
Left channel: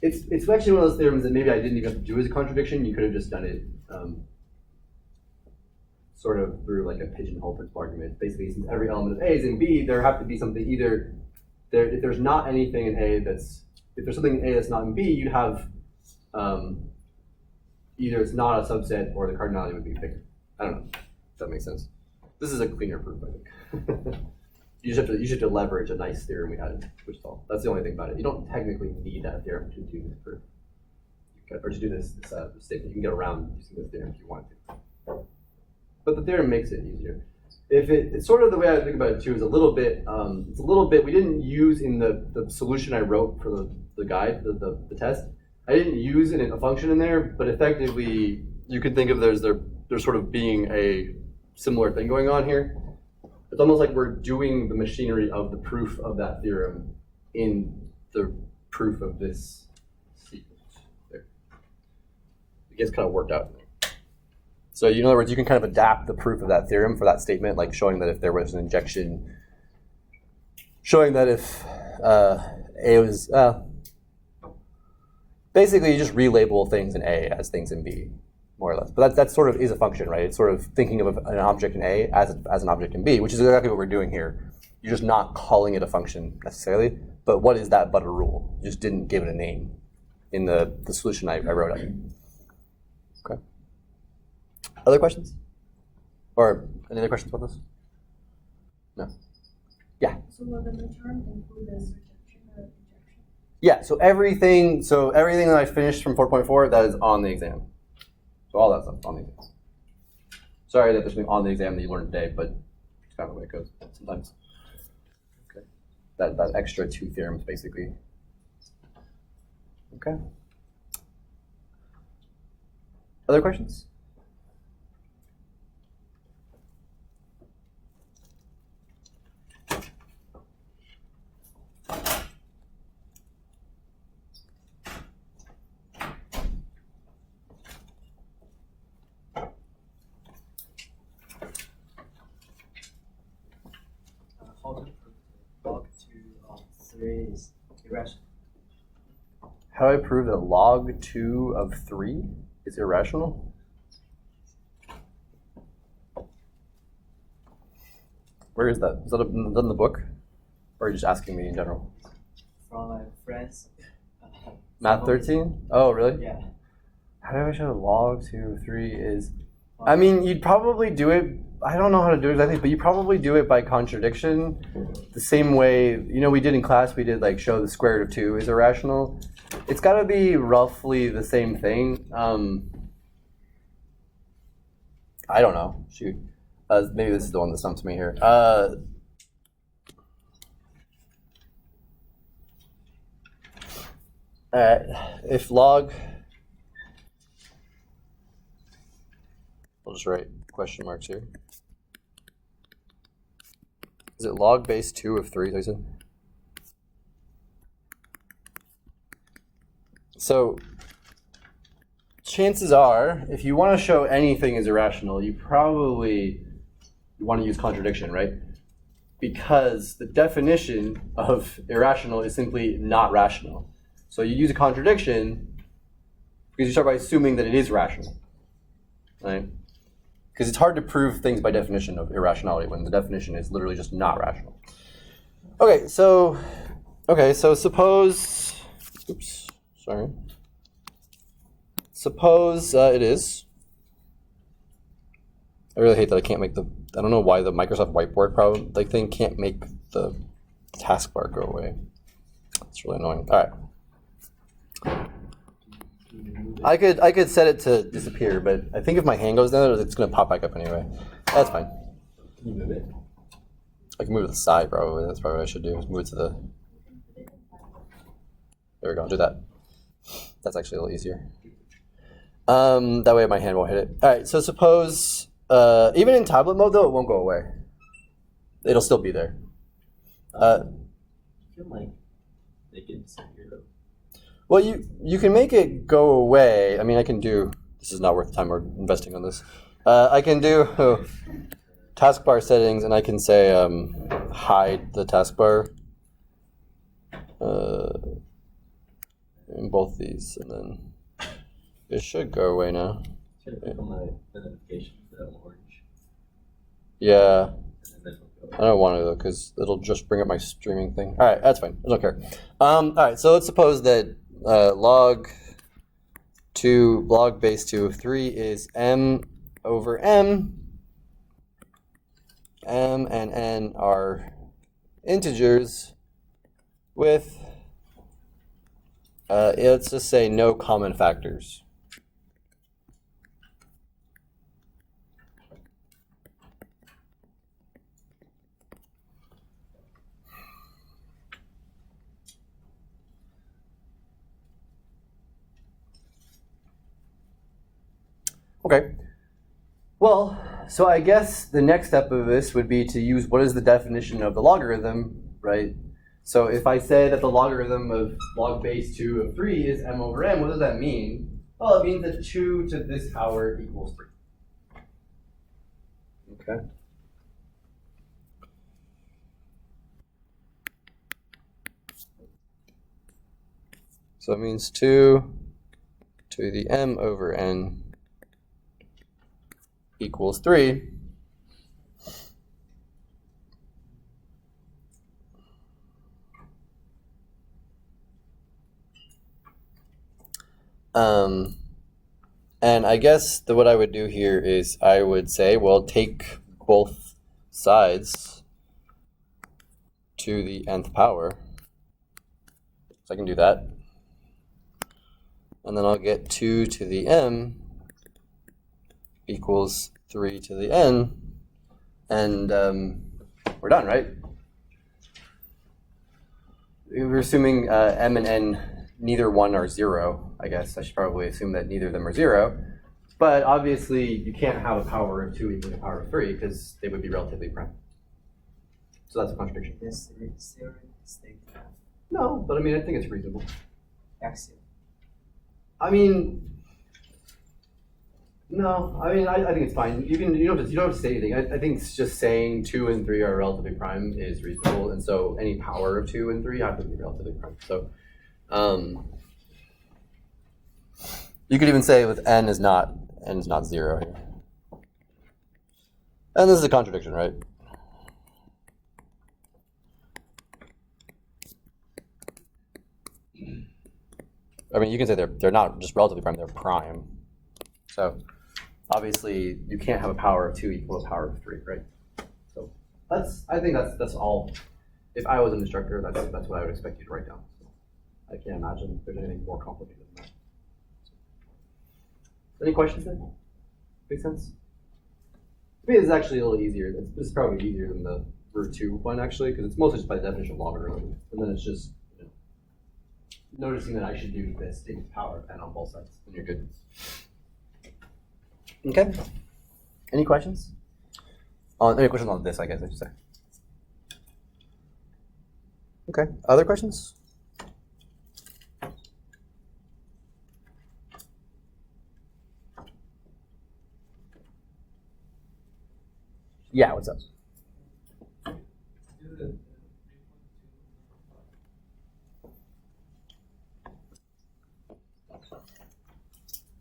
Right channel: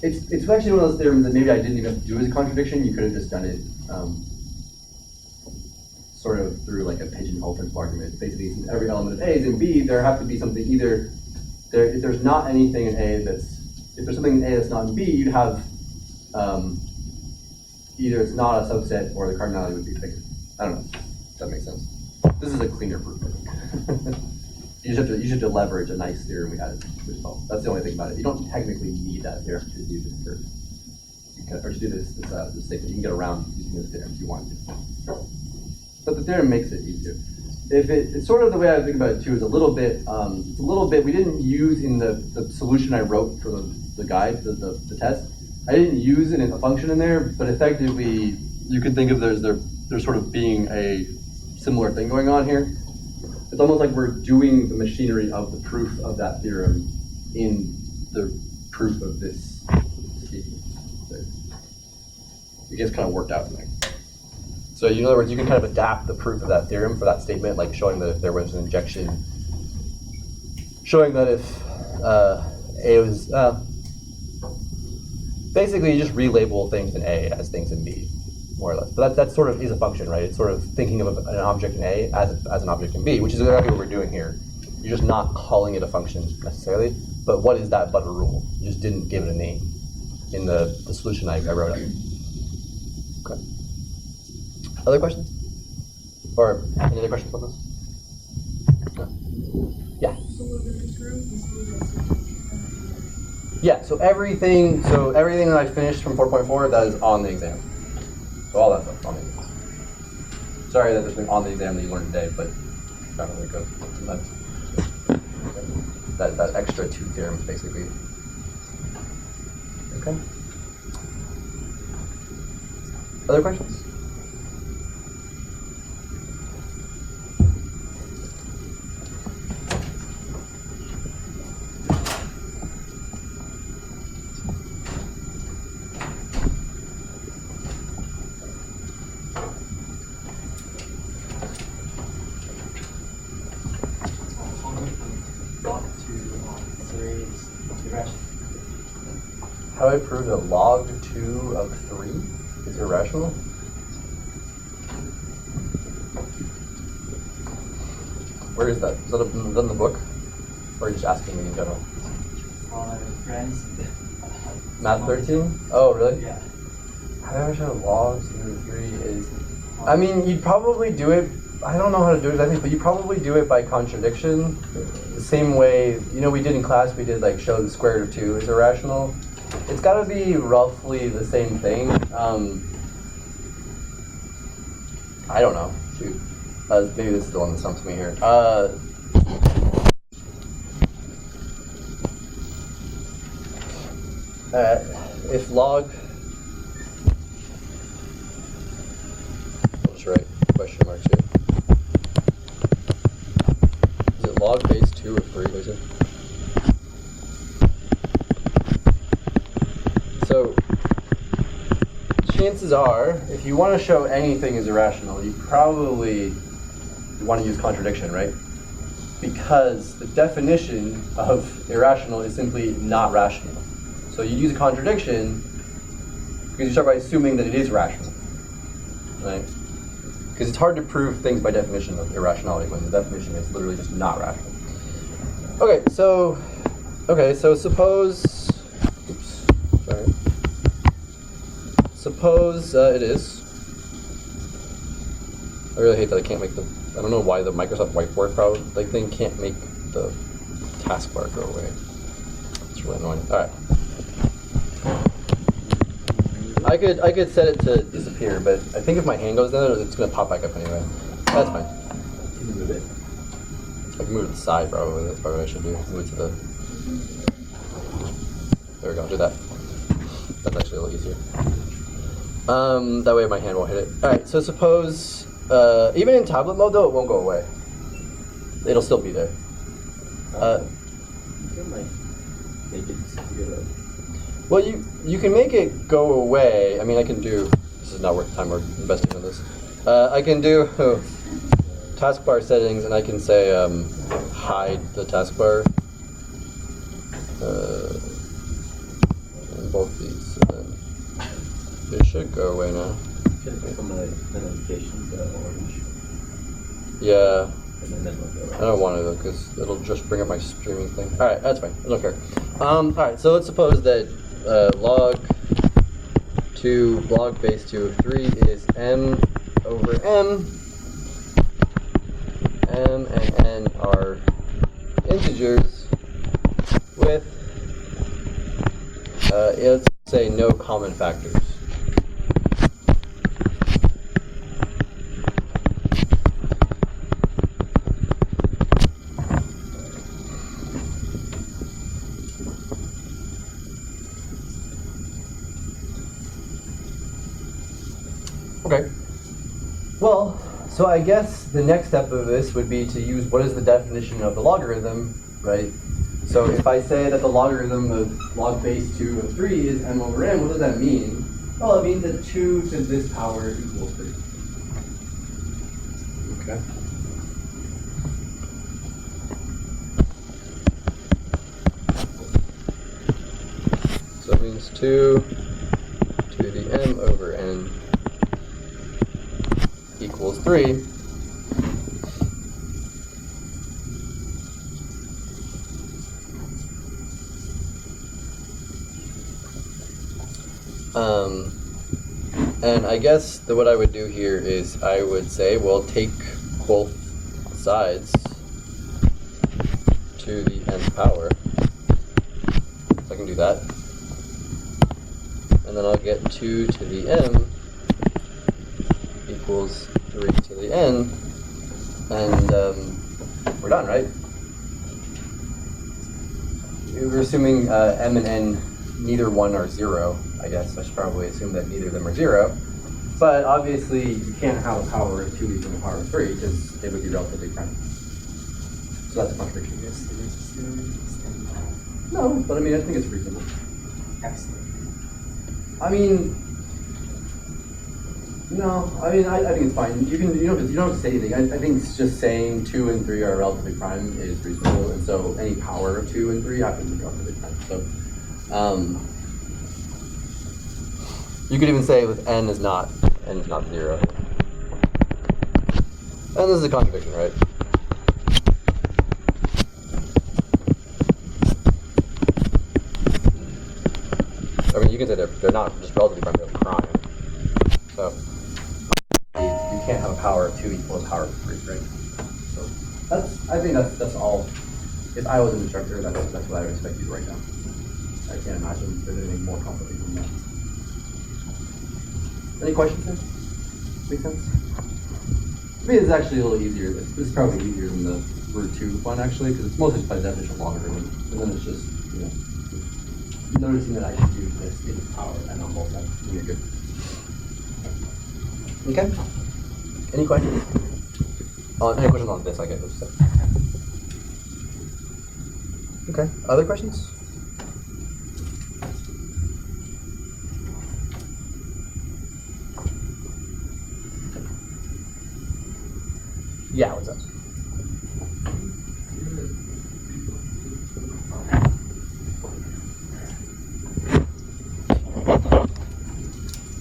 it's actually one of those theorems that maybe I didn't even have to do as a contradiction. You could have just done it sort of through like a pigeonhole principle argument. Basically, since every element of A is in B, there have to be something either if there's not anything in A if there's something in A that's not in B, you'd have either it's not a subset or the cardinality would be bigger. I don't know if that makes sense. This is a cleaner proof, I think. You just have to leverage a nice theorem we had, which is all. That's the only thing about it. You don't technically need that theorem to do this proof, or to do this statement. You can get around using this theorem if you want to. But the theorem makes it easier. It's sort of the way I think about it too. Is a little bit. We didn't use in the solution I wrote for the guide, the test. I didn't use a function in there, but effectively you could think of there's sort of being a similar thing going on here. It's almost like we're doing the machinery of the proof of that theorem in the proof of this sequence. It gets kind of worked out in there. So in other words, you can kind of adapt the proof of that theorem for that statement, like showing that if there was an injection, showing that if A was, basically you just relabel things in A as things in B, more or less. But that sort of is a function, right? It's sort of thinking of an object in A as an object in B, which is exactly what we're doing here. You're just not calling it a function necessarily, but what is that but a rule? You just didn't give it a name in the solution I wrote up. Okay. Other questions? Or any other questions about this? No. Yeah. So what the terms include Yeah, so everything that I finished from 4.4, that is on the exam. So all that stuff on the exam. Sorry that there's something on the exam that you learned today, but it's not really good sometimes. That extra 2 theorems, basically. Okay. Other questions? How do I prove that log 2 of 3 is irrational? Where is that? Is that in the book? Or are you just asking me in general? Friends. Math 13? Oh, really? Yeah. How do I show that log 2 of 3 is... I mean, you'd probably do it... I don't know how to do it exactly, but you probably do it by contradiction. The same way, we did in class, we did like show the square root of 2 is irrational. It's got to be roughly the same thing. I don't know. Shoot. Maybe this is the one that stumps me here. If log... I'll just write question marks here. Is it log base 2 of 3, they said? So, chances are, if you want to show anything is irrational, you probably want to use contradiction, right? Because the definition of irrational is simply not rational. So you use a contradiction because you start by assuming that it is rational, right? Because it's hard to prove things by definition of irrationality when the definition is literally just not rational. Okay, so suppose, oops, sorry. Suppose it is. I really hate that I can't make I don't know why the Microsoft Whiteboard thing can't make the taskbar go away. It's really annoying. All right. I could set it to disappear, but I think if my hand goes down, it's gonna pop back up anyway. That's fine. Can you move it? I can move it to the side probably. That's probably what I should do. Move it to the. There we go. Do that. That's actually a little easier. That way my hand won't hit it. All right. So suppose even in tablet mode though, it won't go away. It'll still be there. You can like make it disappear though. Well, you can make it go away. I mean, I can do. This is not worth the time we're investing on this. I can do taskbar settings, and I can say hide the taskbar in both these, and then it should go away now. Can I click on my notifications, the orange? Yeah. And then it'll go I don't want to though, because it'll just bring up my streaming thing. All right, that's fine. I don't care. All right, so let's suppose that log base 2 of 3 is m over m. M and n are integers with let's just say no common factors. Okay. Well, so I guess the next step of this would be to use what is the definition of the logarithm, right? So if I say that the logarithm of log base 2 of 3 is m over n, what does that mean? Well, it means that 2 to this power equals 3. Okay. So it means 2 to the m over n equals 3. And I guess what I would do here is I would say, well, take both sides to the nth power. So I can do that. And then I'll get 2 to the m equals 3 to the n, and we're done, right? We're assuming m and n, neither one are 0, I guess. I should probably assume that neither of them are 0. But obviously, you can't have a power of 2 equaling a power of 3, because they would be relatively prime. So that's a contradiction. Yes, it is still staying off. No, but I mean, I think it's reasonable. Excellent. I mean, no, I mean, I think it's fine. You don't have to say anything. I think it's just saying 2 and 3 are relatively prime is reasonable, and so any power of 2 and 3 I think is relatively prime. So, you could even say with n is not 0. And this is a contradiction, right? I mean, you can say they're not just relatively prime, they're prime. So, obviously, you can't have a power of 2 equal a power of 3, right? So, I think that's all. If I was an instructor, that's what I would expect you to write down. I can't imagine there's anything more complicated than that. Any questions there? Make sense? I mean, it's actually a little easier. This is probably easier than the root 2 one, actually, because it's mostly just by definition of logarithm. And then it's just, noticing that I should do this in power and on both sides, and you're good. Okay. Any questions? Oh, any questions on this? I get what you say. Okay. Other questions? Yeah. What's up?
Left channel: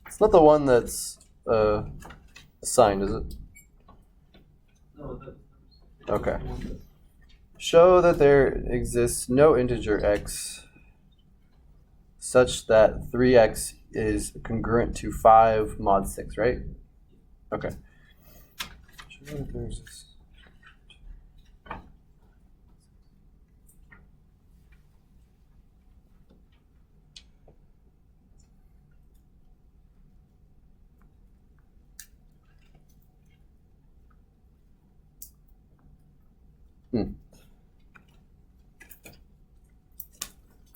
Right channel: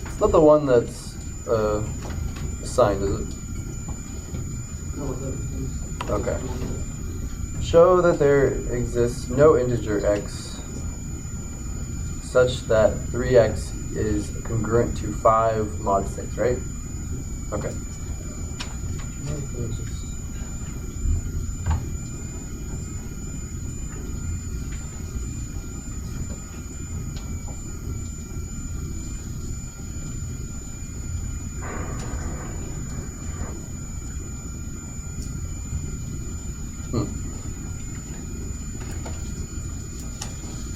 It's not the one that's signed, is it? Okay. Show that there exists no integer x such that 3x is congruent to 5 mod 6, right? Okay.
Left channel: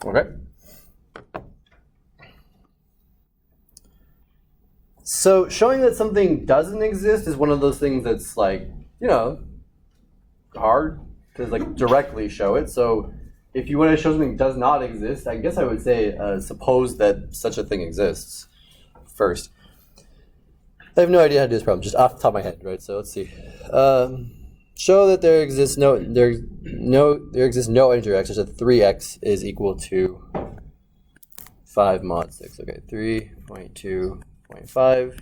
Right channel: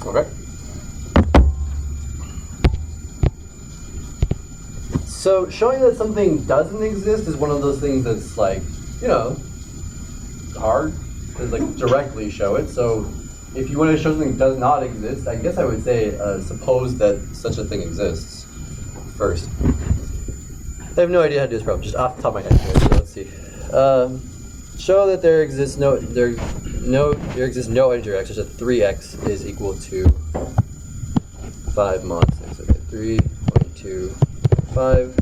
Okay. So showing that something doesn't exist is one of those things that's like, hard to like directly show it. So if you want to show something does not exist, I guess I would say suppose that such a thing exists first. I have no idea how to do this problem, just off the top of my head. So let's see. Show that there exists no integer x such that 3x is equal to 5 mod 6. Okay, 3.2.5.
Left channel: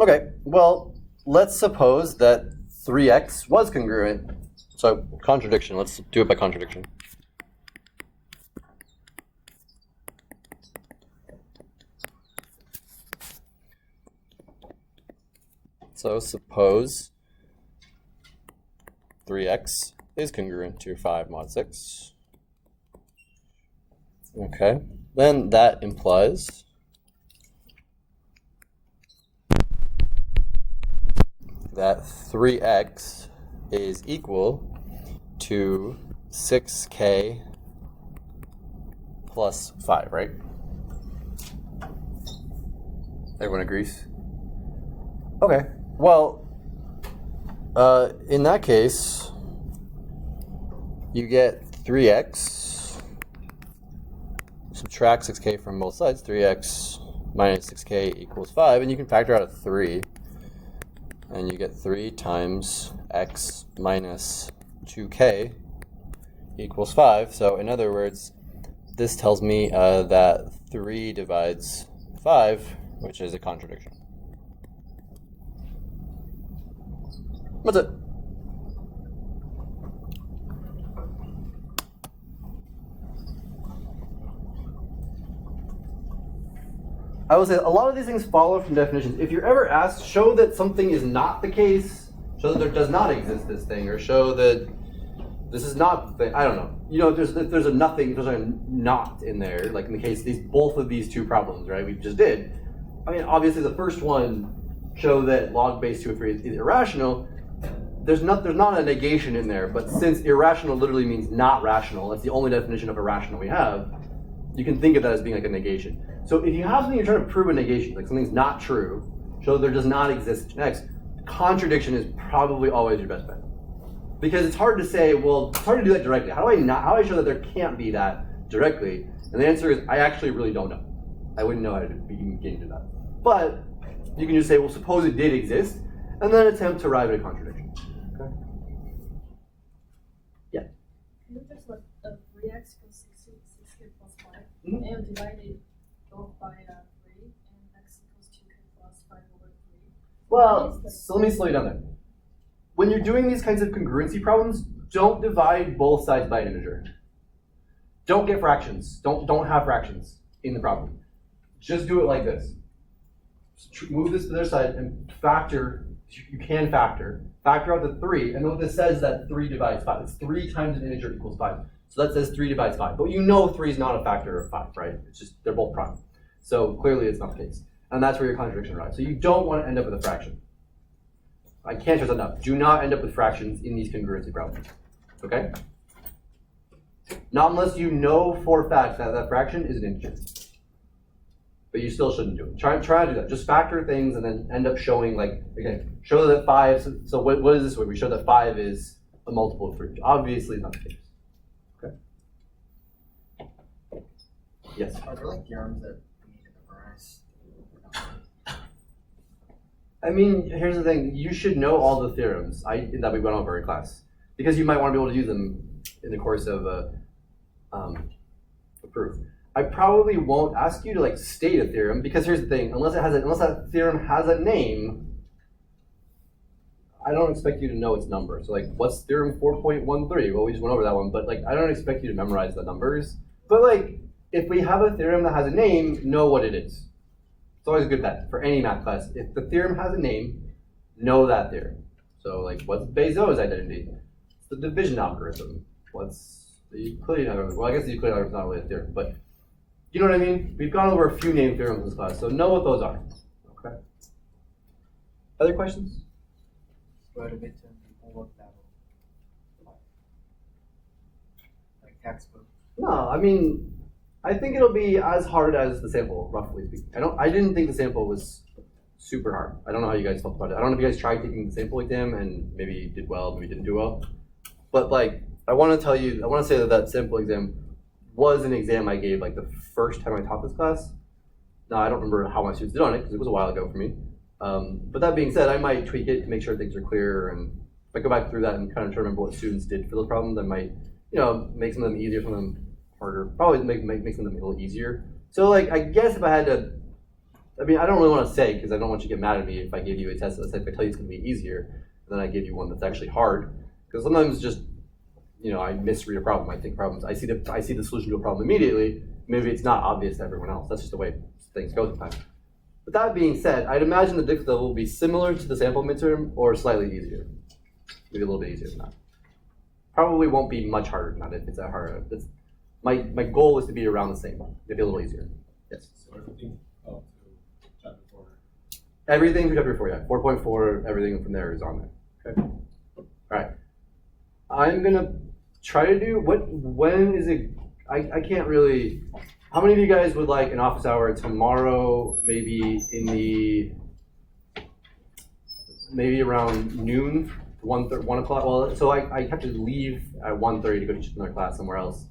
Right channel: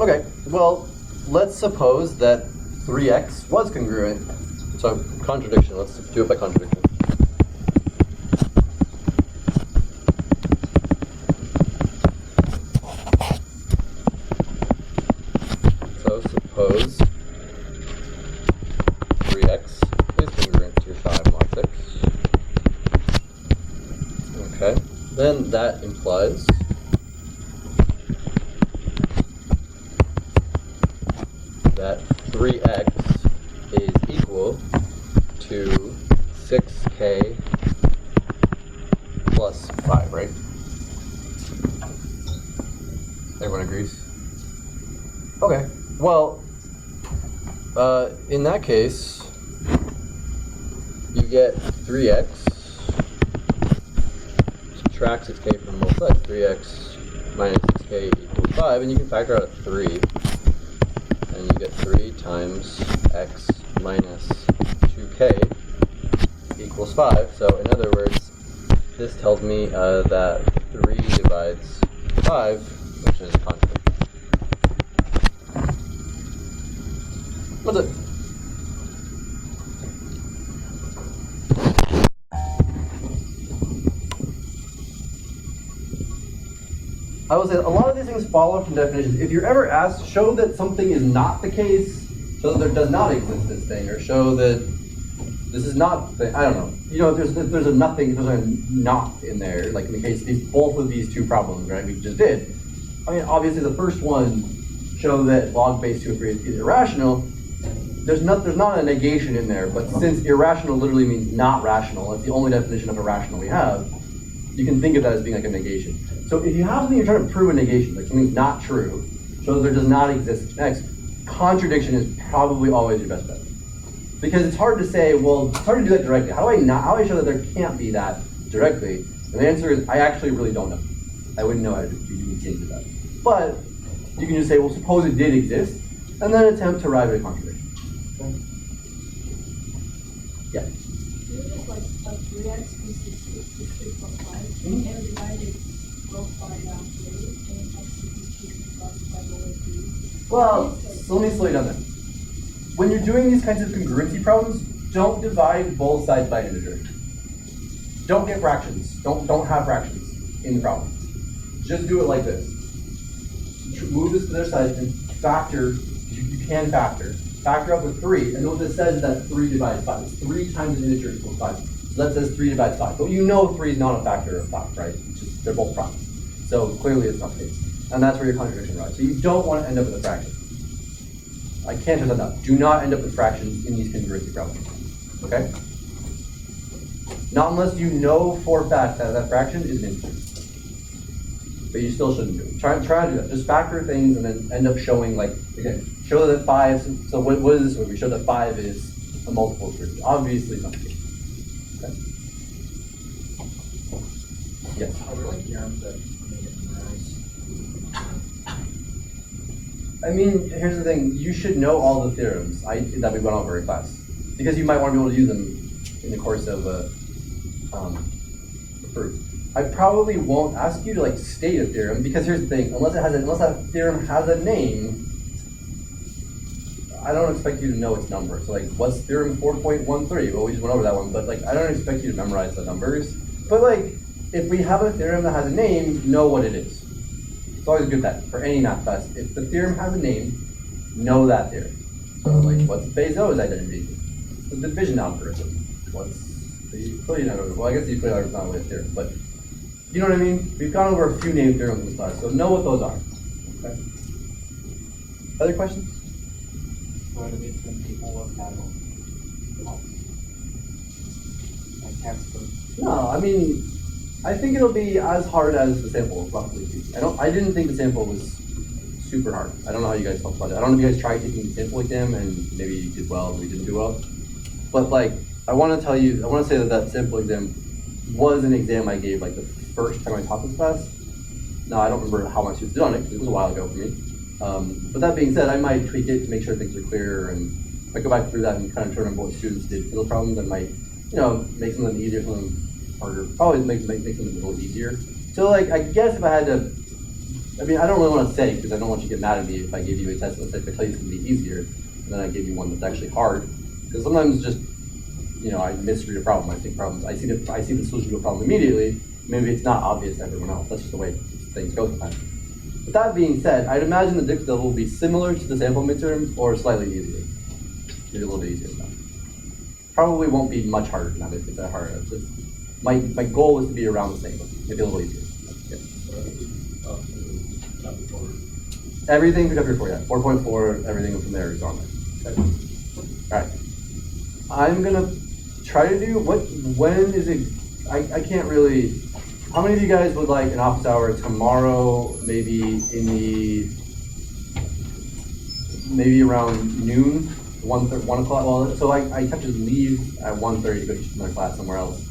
Okay, well, let's suppose that 3x was congruent. So contradiction, let's do it by contradiction. So suppose 3x is congruent to 5 mod 6. Okay, then that implies that 3x is equal to 6k plus 5, right? Everyone agrees? Okay, well, in that case, you get 3x, subtract 6k from both sides, 3x minus 6k equals 5, and you can factor out a 3. And you get 3 times x minus 2k equals 5. So in other words, this tells me that 3 divides 5, which is a contradiction. What's it? I will say a lot of these things follow from definitions. If you're ever asked, show that something is not the case, show that there does not exist this thing, or show that this is not, I don't know. If there's a nothing, there's like a not in there, like in the case of both of these two problems, right, we just did. I mean, obviously the first one, show that log base 2 of 3 is irrational. There's not a negation in there, but since irrational literally means not rational, that's the only definition of irrational we have, you can think of that as being like a negation. So if you have something you're trying to prove a negation, like something's not true, show that there does not exist X, contradiction is probably always your best bet. Because it's hard to say, well, it's hard to do that directly. How do I show that there can't be that directly? And the answer is, I actually really don't know. I wouldn't know how to change that. But you can just say, well, suppose it did exist, and then attempt to arrive at a contradiction. Okay? Yeah. You just like 3x plus 6 plus 5, Mhm. and divide it both by 3, and x equals 2 plus 5 over 3. Well, so let me slow you down there. When you're doing these kinds of congruency problems, don't divide both sides by an integer. Don't get fractions. Don't have fractions in the problem. Just do it like this. Move this to their side and factor. You can factor out the 3, and then what this says is that 3 divides 5. It's 3 times an integer equals 5. So that says 3 divides 5. But 3 is not a factor of 5, right? It's just they're both primes. So clearly it's not the case. And that's where your contradiction arrives. So you don't want to end up with a fraction. I can't stress that enough. Do not end up with fractions in these congruency problems. Okay? Not unless you know for a fact that that fraction is an integer. But you still shouldn't do it. Try to do that. Just factor things and then end up showing, like, again, show that 5, so what is this way? We show that 5 is a multiple of 3. Obviously not the case. Okay? Yes? Are there like theorems that make it memorize? I mean, here's the thing. You should know all the theorems that we went over in class. Because you might want to be able to use them in the course of a proof. I probably won't ask you to like state a theorem, because here's the thing, unless that theorem has a name, I don't expect you to know its number. So like, what's theorem 4.13? Well, we just went over that one, but like, I don't expect you to memorize the numbers. But like, if we have a theorem that has a name, know what it is. It's always a good bet for any math class. If the theorem has a name, know that theory. So like, what's Bezo's identity? The division algorithm. What's the Euclidean algorithm? Well, I guess the Euclidean algorithm is not really a theorem, but you know what I mean? We've gone over a few name theorems in this class, so know what those are. Okay. Other questions? So to make some people look at like textbooks. No, I mean, I think it'll be as hard as the sample, roughly speaking. I didn't think the sample was super hard. I don't know how you guys felt about it. I don't know if you guys tried taking the sample exam and maybe you did well, maybe you didn't do well. But like, I want to say that sample exam was an exam I gave like the first time I taught this class. Now, I don't remember how my students did on it, because it was a while ago for me. But that being said, I might tweak it to make sure things are clear, and if I go back through that and kind of try to remember what students did for those problems, I might, make some of them easier, some of them harder, probably make some of them a little easier. So like, I guess if I had to, I mean, I don't really want to say, because I don't want you to get mad at me if I give you a test that's like, I tell you it's going to be easier, and then I give you one that's actually hard, because sometimes just, I misread a problem. I see the solution to a problem immediately. Maybe it's not obvious to everyone else. That's just the way things go sometimes. With that being said, I'd imagine the difficulty level will be similar to the sample midterm or slightly easier. Maybe a little bit easier than that. Probably won't be much harder than that if it's that hard. My goal is to be around the same, maybe a little easier. Yes. Everything for chapter 4, yeah. 4.4, everything from there is on there. Okay. All right. I'm gonna try to do when is it? I can't really. How many of you guys would like an office hour tomorrow? Maybe around noon, 1 o'clock. Well, so I have to leave at 1:30 to go teach another class somewhere else.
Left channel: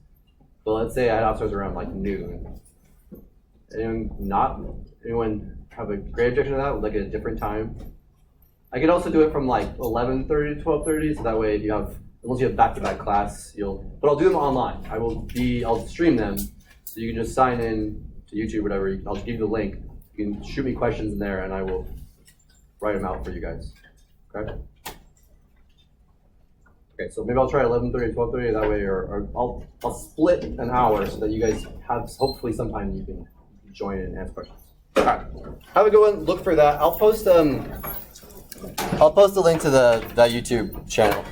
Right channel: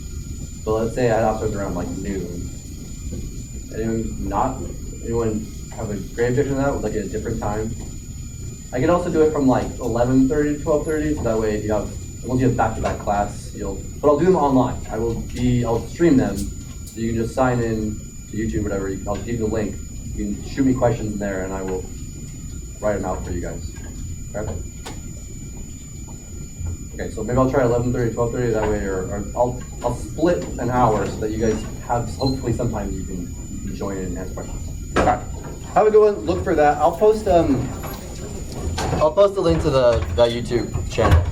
But let's say I had office hours around like noon. Anyone have a great objection to that? Would like it at a different time? I could also do it from like 11:30 to 12:30, so that way if you have, unless you have back-to-back class, but I'll do them online. I'll stream them, so you can just sign in to YouTube, whatever. I'll give you the link. You can shoot me questions in there, and I will write them out for you guys. Okay. Okay, so maybe I'll try 11:30 to 12:30 that way, or I'll split an hour so that you guys have hopefully sometime you can join in and ask questions. All right. Have a good one. Look for that. I'll post a link to that YouTube channel.